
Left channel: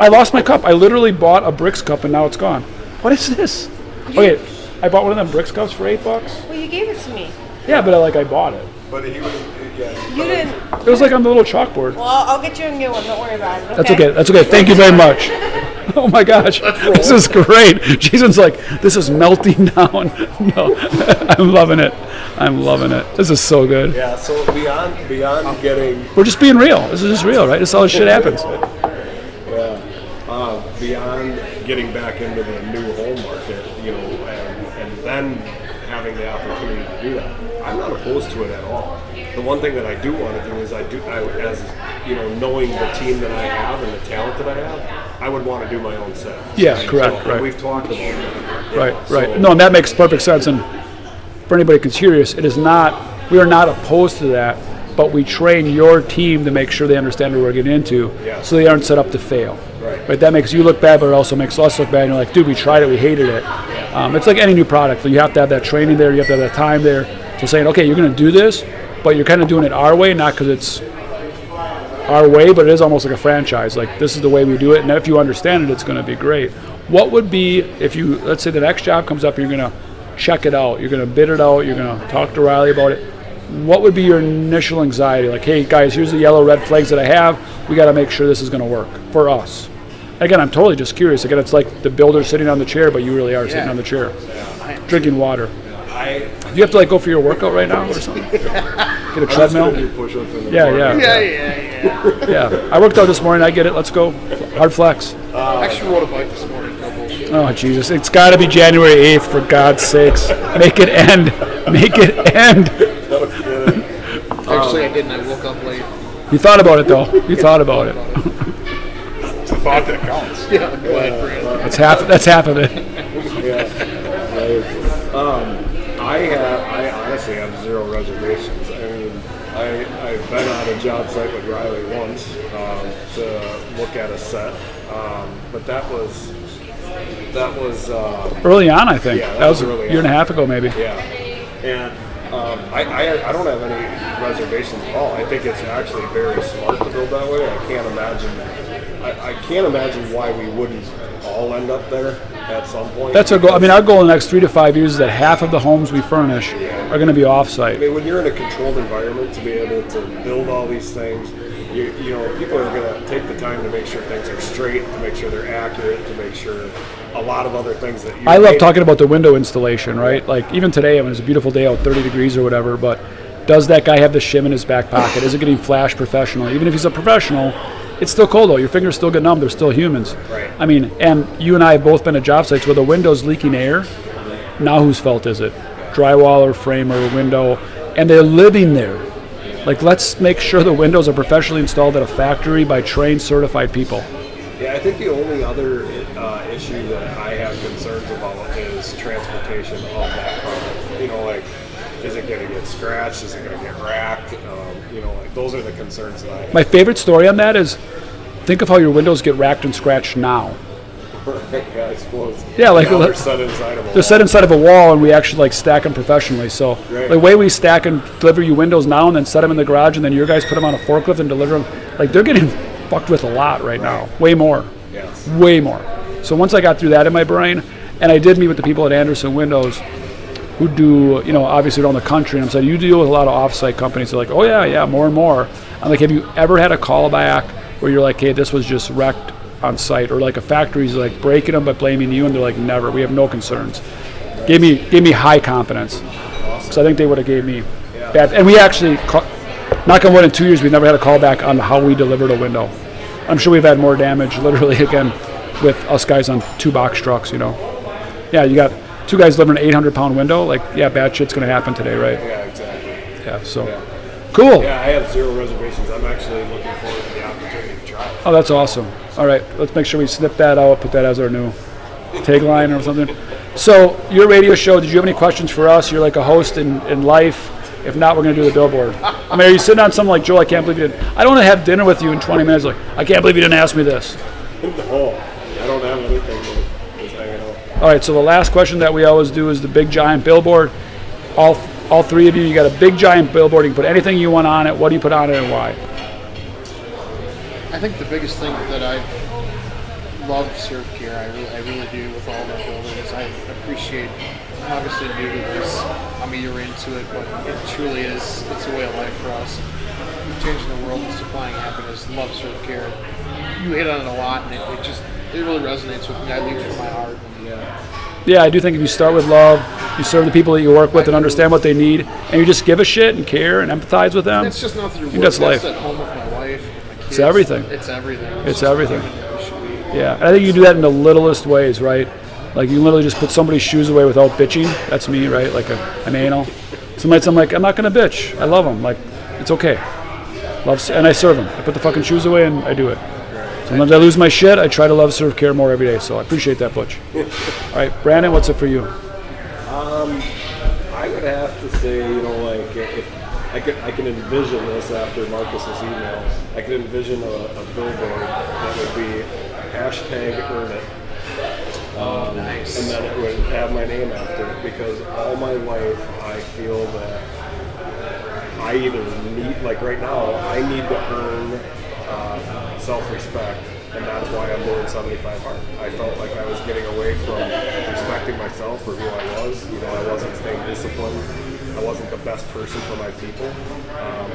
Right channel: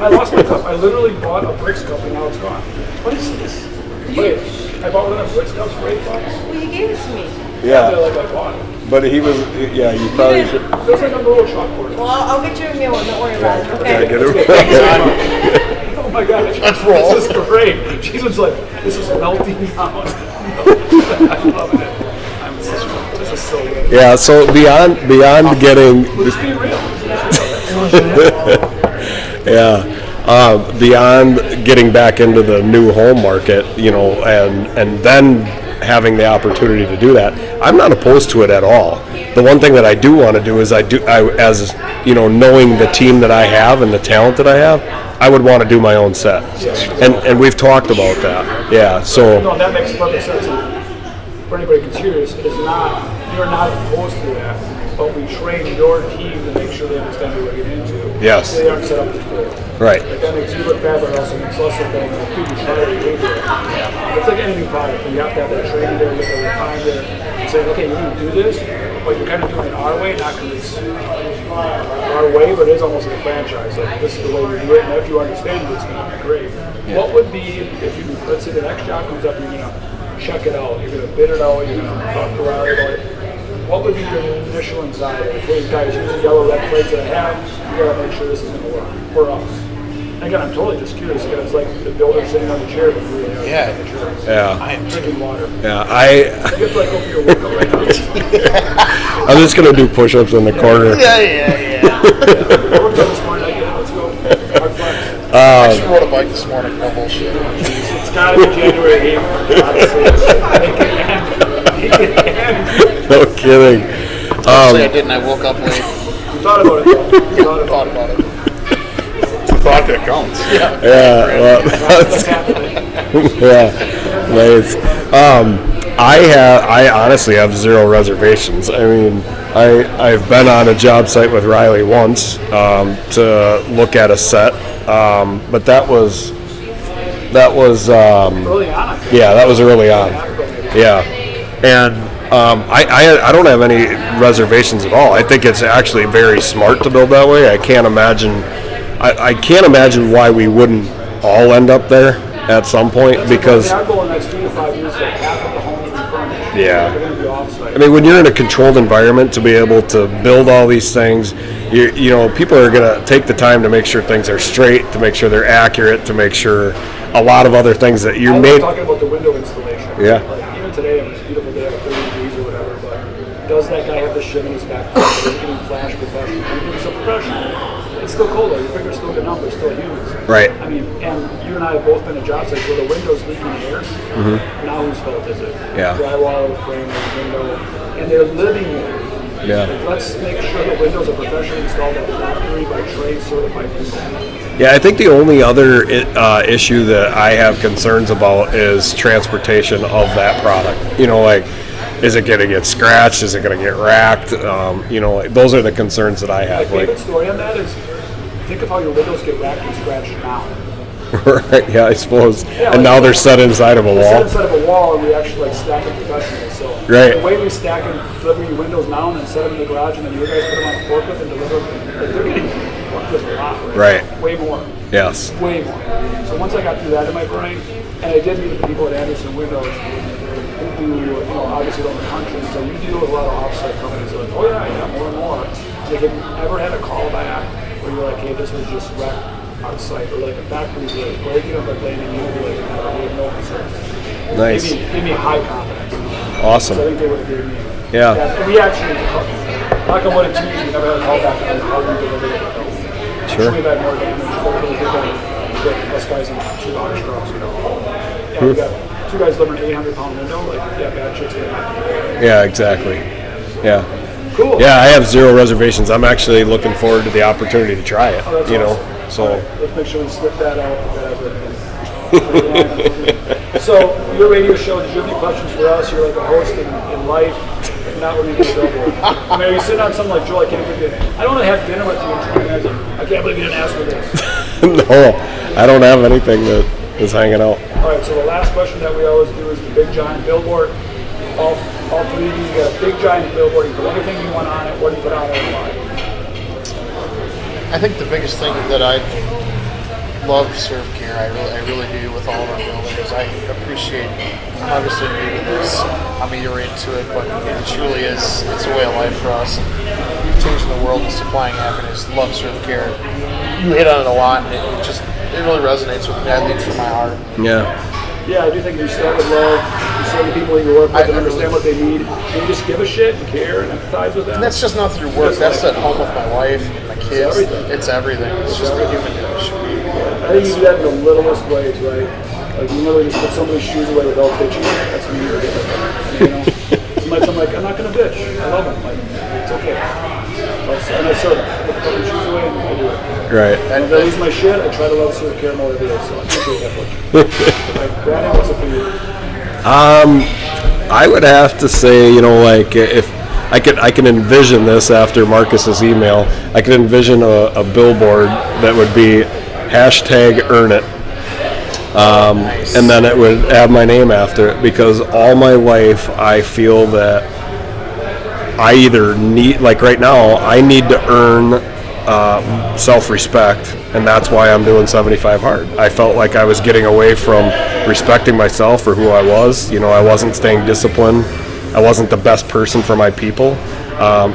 I lost my cup. I literally bought a BRIX cup and now it's gone. What is this? Okay, I bought one of them BRIX cups for $8. Well, you gave it to me. Yeah, but I bought it. But he was, you probably should. It was like on the little chalkboard. Well, I'll get you a new one. Don't worry about it. That's okay. That's okay. Thank you very much. Oh my gosh, this is great. Jason's like, this is melting down. No, I'm loving it. I'm loving it. This is so good. Yeah, so beyond getting, We're just being real. This is just real, right? This is how shit happens. beyond getting back into the new home market, and then having the opportunity to do that, I'm not opposed to it at all. The one thing that I do want to do is knowing the team that I have and the talent that I have, I would want to do my own set. Yes, correct. And we've talked about that. Yeah. So No, and that makes perfect sense. And for anybody who's curious, we are not opposed to that, but we train your team to make sure they understand what we're getting into. Yes. So they aren't set up to fail. Right. But that makes you look bad, but it also makes us look bad. And you're like, dude, we tried it, we hated it. It's like any new product. You have to have that training there, you have to have that time there to say, okay, you're going to do this, but you're kind of doing it our way, not because it's our way, but it is almost like a franchise. Like, this is the way we do it, and if you understand it, it's going to be great. What would be, if you, let's say the next job comes up, you're going to check it out, you're going to bid it out, you're going to talk to Reilly about it, what would be your initial anxiety? Like, hey guys, here's the yellow red flags that I have, we got to make sure this is going to work for us. Again, I'm totally just curious. Again, it's like the builder sitting on the chair, but you really are sitting on the chair. Yeah. Drinking water. Yeah. You have to go for your workout right now. I'm just gonna do push-ups in the corner. Yeah. I worked out this morning. I get it. Let's go. Hard flex. I just rode a bike this morning. No bullshit. Oh, jeez. It's got to be January 8th, for God's sakes. Make it end. Make it end. No kidding. Actually, I didn't. I woke up late. You thought about it, though. You thought about it. It's a thought that counts. Yeah. Well, That's half of it. yeah. Nice. I honestly have zero reservations. I mean, I've been on a job site with Reilly once to look at a set, but that was Early on, I think. Yeah, that was early on. A year and a half ago, maybe. Yeah, and I don't have any reservations at all. I think it's actually very smart to build that way. I can't imagine why we wouldn't all end up there at some point. That's our goal. I mean, our goal in the next 3 to 5 years is that half of the homes we furnish are going to be off-site. I mean, when you're in a controlled environment, to be able to build all these things, people are going to take the time to make sure things are straight, to make sure they're accurate, to make sure a lot of other things that you. I love talking about the window installation, right? Yeah. Like, even today, it was a beautiful day out, 30 degrees or whatever, but does that guy have the shim in his back pocket? Is it getting flash professional? Even if he's a professional, it's still cold though. Your fingers still get numb. They're still humans. Right. I mean, and you and I have both been at job sites where the window's leaking air. Mm-hmm. Now whose fault is it? Yeah. Drywall or frame or window, and they're living there. Yeah. Like, let's make sure the windows are professionally installed at a factory by trained, certified people. Yeah, I think the only other issue that I have concerns about is transportation of that product. Is it going to get scratched? Is it going to get racked? Those are the concerns that I have. My favorite story on that is, think of how your windows get racked and scratched now. Right, yeah, I suppose. Yeah, and now they're set inside of a wall. They're set inside of a wall, and we actually stack them professionally. So the way we stack and deliver you windows now and then set them in the garage and then you guys put them on a forklift and deliver them, they're getting fucked with a lot right now. Way more. Yes. Way more. So once I got through that in my brain, and I did meet with the people at Anderson Windows who do, obviously around the country, and so you deal with a lot of off-site companies. They're like, oh yeah, more and more. I'm like, have you ever had a call back where you're like, hey, this was just wrecked on site, or like a factory's like breaking them but blaming you, and they're like, never, we have no concerns. Nice. Gave me high confidence. Awesome. So I think they would have gave me. Yeah. And we actually, knock on wood, in 2 years we never had a call back on how we delivered a window. I'm sure we've had more damage, literally, again, with us guys on 2 box trucks. Yeah, you got 2 guys delivering an 800-pound window. Like, yeah, bad shit's gonna happen today, right? Yeah, exactly. Yeah. So. Yeah. Cool. Yeah, I have 0 reservations. I'm actually looking forward to the opportunity to try it. Oh, that's you know? awesome. So, All right, let's make sure we snip that out, put that as our new tagline or something. So, your radio show, did you have any questions for us? You're like a host in life. If not, we're going to do a billboard. I mean, are you sitting on something like, Joel, I can't believe you didn't. I don't want to have dinner with you in 20 minutes. Like, I can't believe you didn't ask me this. No, I don't have anything that is hanging out. All right, so the last question that we always do is the big giant billboard. All 3 of you got a big giant billboard. You can put anything you want on it. What do you put on it and why? I think the biggest thing that I love Serve Care, I really do with all of our buildings. I appreciate, obviously maybe this, I'm a year into it, but it truly is, it's a way of life for us. Changing the world and supplying happiness, love Serve Care. You hit on it a lot, and it really resonates with me. I lead from my heart. Yeah. Yeah, I do think if you start with love, you serve the people that you work with and understand what they need, and you just give a shit and care and empathize with them. That's just not through work. That's That's life. at home with my wife and my kids. It's everything. It's everything. It's just everything. the human that it should be. Yeah, and I think you do that in the littlest ways, right? Like you literally just put somebody's shoes away without bitching. That's me, right? Like an anal. I'm like, I'm not gonna bitch. I love them. Like, it's okay. And I serve them. Put the fucking shoes away and I do it. Right. And when I lose my shit, I try to love Serve Care more every day. So I appreciate that, Butch. All right, Brandon, what's it for you? I would have to say, like if I can envision this after Marcus's email, I could envision a billboard that would be #EarnIt. Nice. And then it would have my name after it, because all my life I feel that I either need, like right now, I need to earn self-respect, and that's why I'm doing 75 hard. I felt like I was getting away from respecting myself for who I was. I wasn't staying disciplined. I wasn't the best person for my people.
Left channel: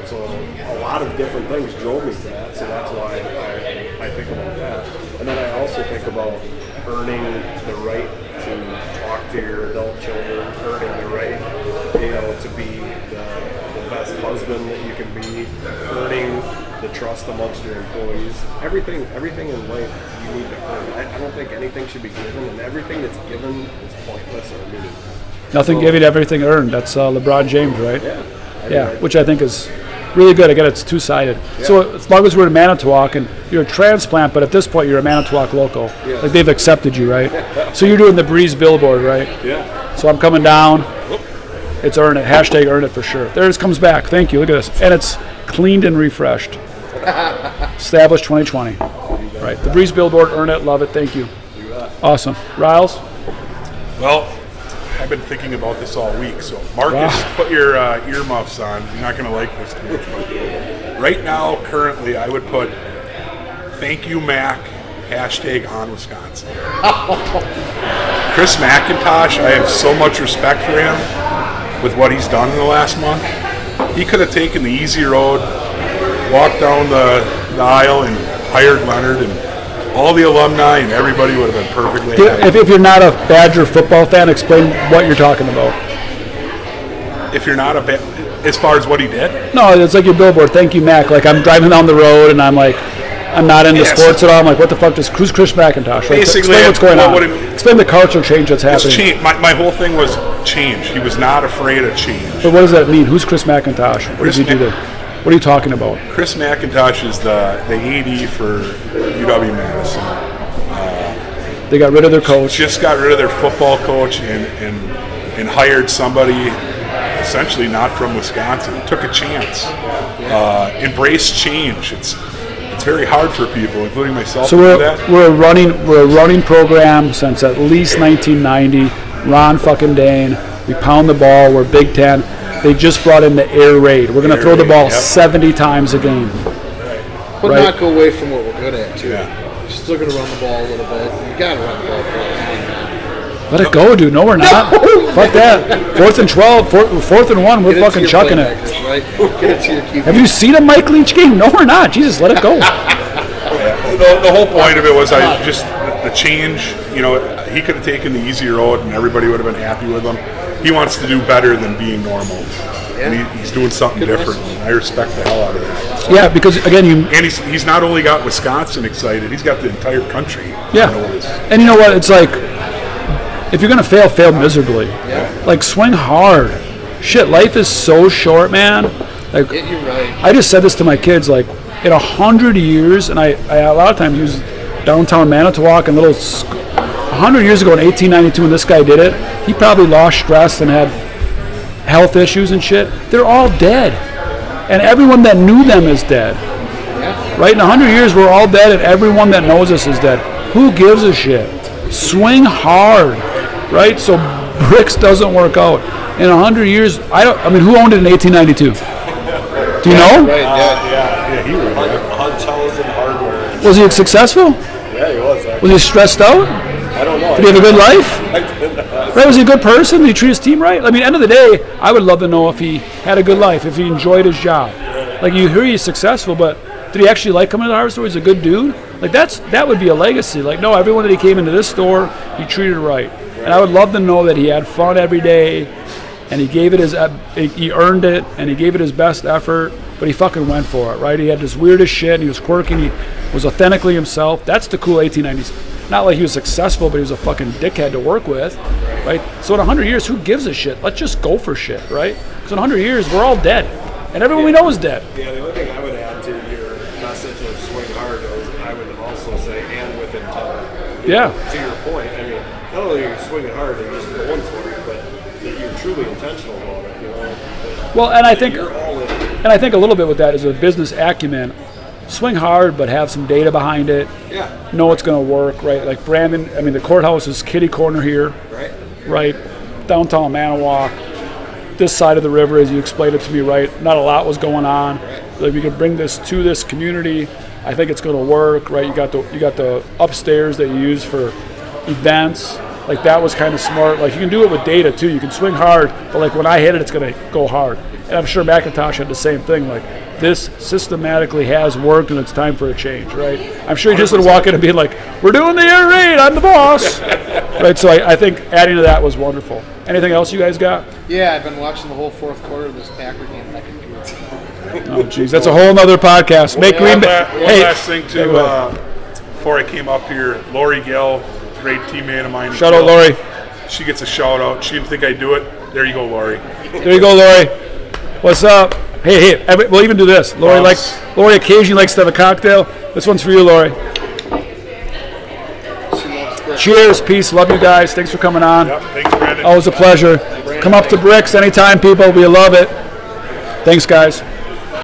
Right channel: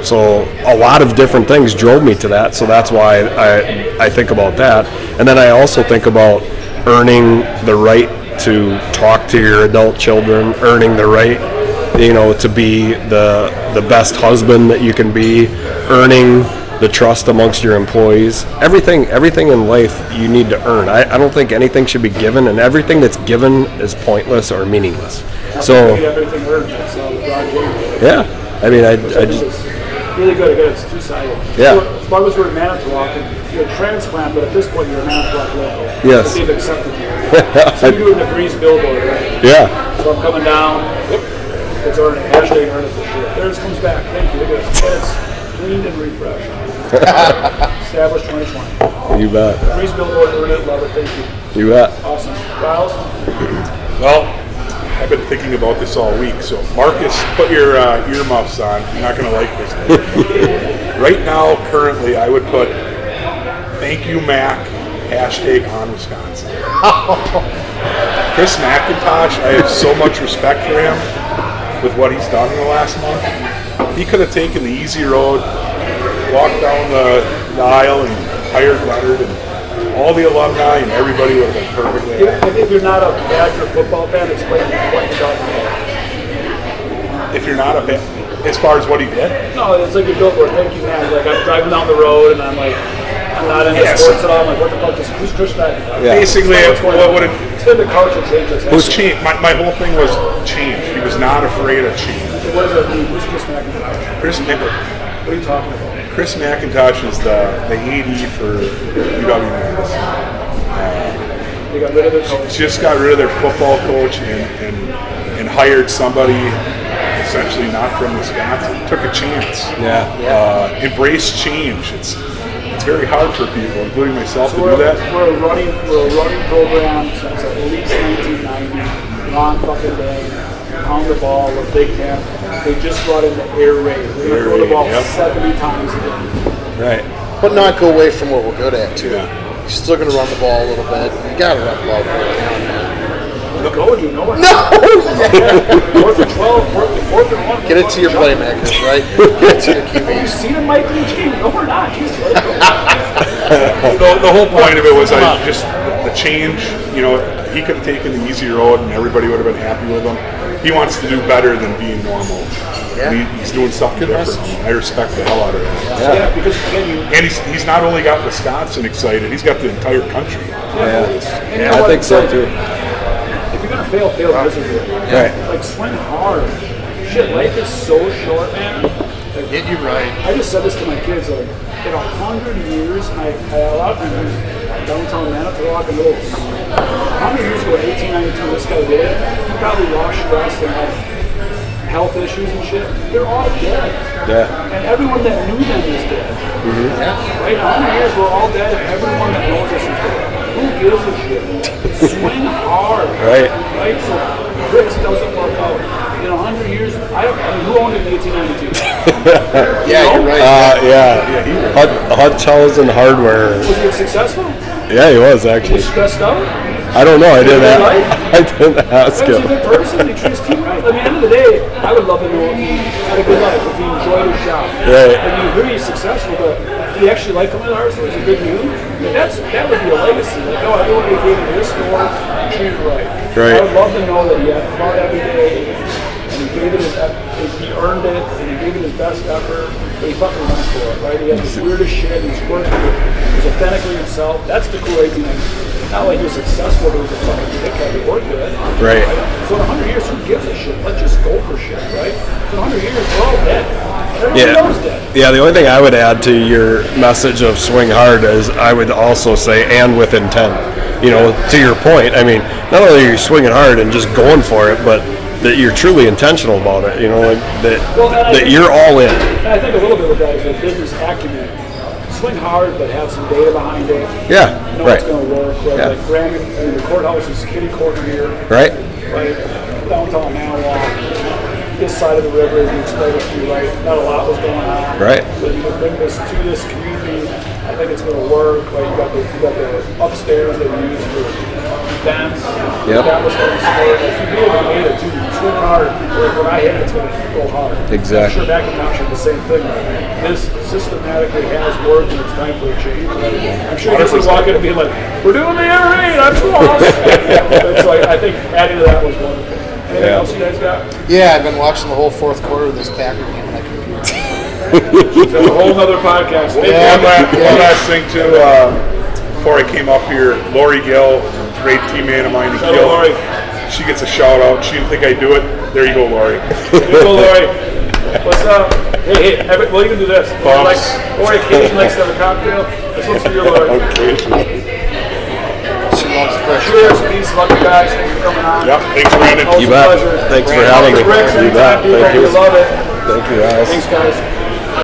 So a lot of different things drove me to that. So that's why I think about that. And then I also think about earning the right to talk to your adult children, earning the right, to be the best husband that you can be, earning the trust amongst your employees. Everything in life you need to earn. I don't think anything should be given, and everything that's given is pointless or meaningless. Nothing giving, everything earned. That's LeBron James, right? Yeah. I mean, which I think is really good. Again, it's two-sided. Yeah. So as long as we're in Manitowoc, and you're a transplant, but at this point you're a Manitowoc local. Yes. Like they've accepted you, right? So you're doing the BRIX billboard, right? Yeah. So I'm coming down. It's earn it. #EarnIt for sure. There it comes back. Thank you. Look at this. And it's cleaned and refreshed. Established 2020. You bet. The BRIX billboard, earn it, love it. Thank you. You bet. Awesome. Riles? Well, I've been thinking about this all week. So, Marcus, put your earmuffs on. You're not going to like this thing. Right now, currently, I would put thank you, Mac, #on Wisconsin. Chris McIntosh, I have so much respect for him with what he's done in the last month. He could have taken the easy road, walked down the aisle and hired Leonard and all the alumni, and everybody would have been perfectly happy. If you're not a Badger football fan, explain what you're talking about. If you're not as far as what he did? No, it's like your billboard. Thank you, Mac. Like I'm driving down the road and I'm like, I'm not into Yes. sports at all. I'm like, what the fuck who's Chris McIntosh? Yeah. Basically, explain what's going what on. would it- Explain the culture change that's It was happening. change. My whole thing was change. He was not afraid of change. But what does that mean? Who's Chris McIntosh? What does he do there? What are you talking about? Chris McIntosh is the AD for UW-Madison. They got rid of their coach. Just got rid of their football coach and hired somebody essentially not from Wisconsin. Took a chance. Yeah. Embrace change. It's very hard for people, including myself, So to do that. we're a running program since at least 1990. Ron fucking Dane. We pound the ball. We're Big Ten. They just brought in the air raid. We're going to Air throw the raid, ball yep. 70 times a game. Right. But Right. not go away from what we're good at, too. Yeah. You're still going to run the ball a little bit. You got to run the ball. Let it go, dude. No, we're not. Fuck that. 4th and 12, 4th and 1, we're Get it to fucking your chucking it. playmakers, right? Get it to your keeper. Have you seen a Mike Leach game? No, we're not. Jesus, let it go. The whole point of it was the change. He could have taken the easy road and everybody would have been happy with him. He wants to do better than being normal. Yeah. And he's doing something different. And I respect the hell out of that. Yeah, because again, And he's not only got Wisconsin excited, he's got the entire country. Yeah. And you know what? It's like, if you're going to fail miserably. Right. Like, swing hard. Shit, life is so short, man. Like, Get you right. I just said this to my kids, like, in 100 years, and I a lot of times use downtown Manitowoc and 100 years ago in 1892 when this guy did it, he probably lost stress and had health issues and shit. They're all dead. Yeah. And everyone that knew them is dead. Right? In 100 years, we're all dead, and everyone that knows us is dead. Who gives a shit? Swing hard. Right? So BRIX doesn't work out. In 100 years, who owned it in 1892? Do you know? Yeah. Hotels and hardware. Was he successful? Yeah, he was actually. Was he stressed out? I don't know. Did he live life? I didn't ask. Was he a good person? Did he treat his team right? I mean, end of the day, I would love to know if he had a good life, if he enjoyed his job. Right. Like, you hear he's successful, but did he actually like coming to the hardware store? He's a good dude. Like, that would be a legacy. Like, no, everyone that came into this store, he treated it right. Right. I would love to know that he had fun every day, and he gave it he earned it, and he gave it his best effort, but he fucking went for it, right? He had this weirdest shit, he was quirky, he was authentically himself. That's the cool 1890s. Not like he was successful, but he was a fucking dickhead to work with. Right. So in 100 years, who gives a shit? Let's just go for shit, right? So in 100 years, we're all dead. And everyone we know is dead. Yeah, the only thing I would add to your message of swing hard is I would also say, and with intent. To your point, I mean, not only are you swinging hard and just going for it, but that you're truly intentional about it, that you're all in. And I think a little bit with that is your business acumen. Swing hard, but have some data behind it. Yeah. Know what's going to work, right? Yeah. Like Brandon, the courthouse is kitty corner here. Right. Right. Downtown Manitowoc. This side of the river, as you explained it to me, right? Not a lot was going on. Right. But if you can bring this to this community, I think it's going to work, right? You got the upstairs that you use for events. Like, that was kind of smart. Like, you can do it with data too. You can swing hard, but like when I hit it, it's going to go hard. Exactly. And I'm sure McIntosh had the same thing. Like, this systematically has worked, and it's time for a change, right? I'm sure he just would walk in and be like, "We're doing the air raid. I'm the boss." Right, so I think adding to that was wonderful. Anything else you guys got? Yeah, I've been watching the whole fourth quarter of this Packer game on my computer. That's a whole nother podcast. One last thing too. Before I came up here, Lori Gill, great teammate of mine. Shout out, Lori. She gets a shout out. She didn't think I'd do it. There you go, Lori. There you go, Lori. What's up? Hey, we'll even do this. Lori occasionally likes to have a cocktail. This one's for you, Lori. She loves the Cheers, peace, love you guys. Thanks for coming on. Yep, thanks, Brandon. Always a pleasure. Thanks for Come up having to me. BRIX anytime, people. We love it. Thank you, Alice. Thanks, guys.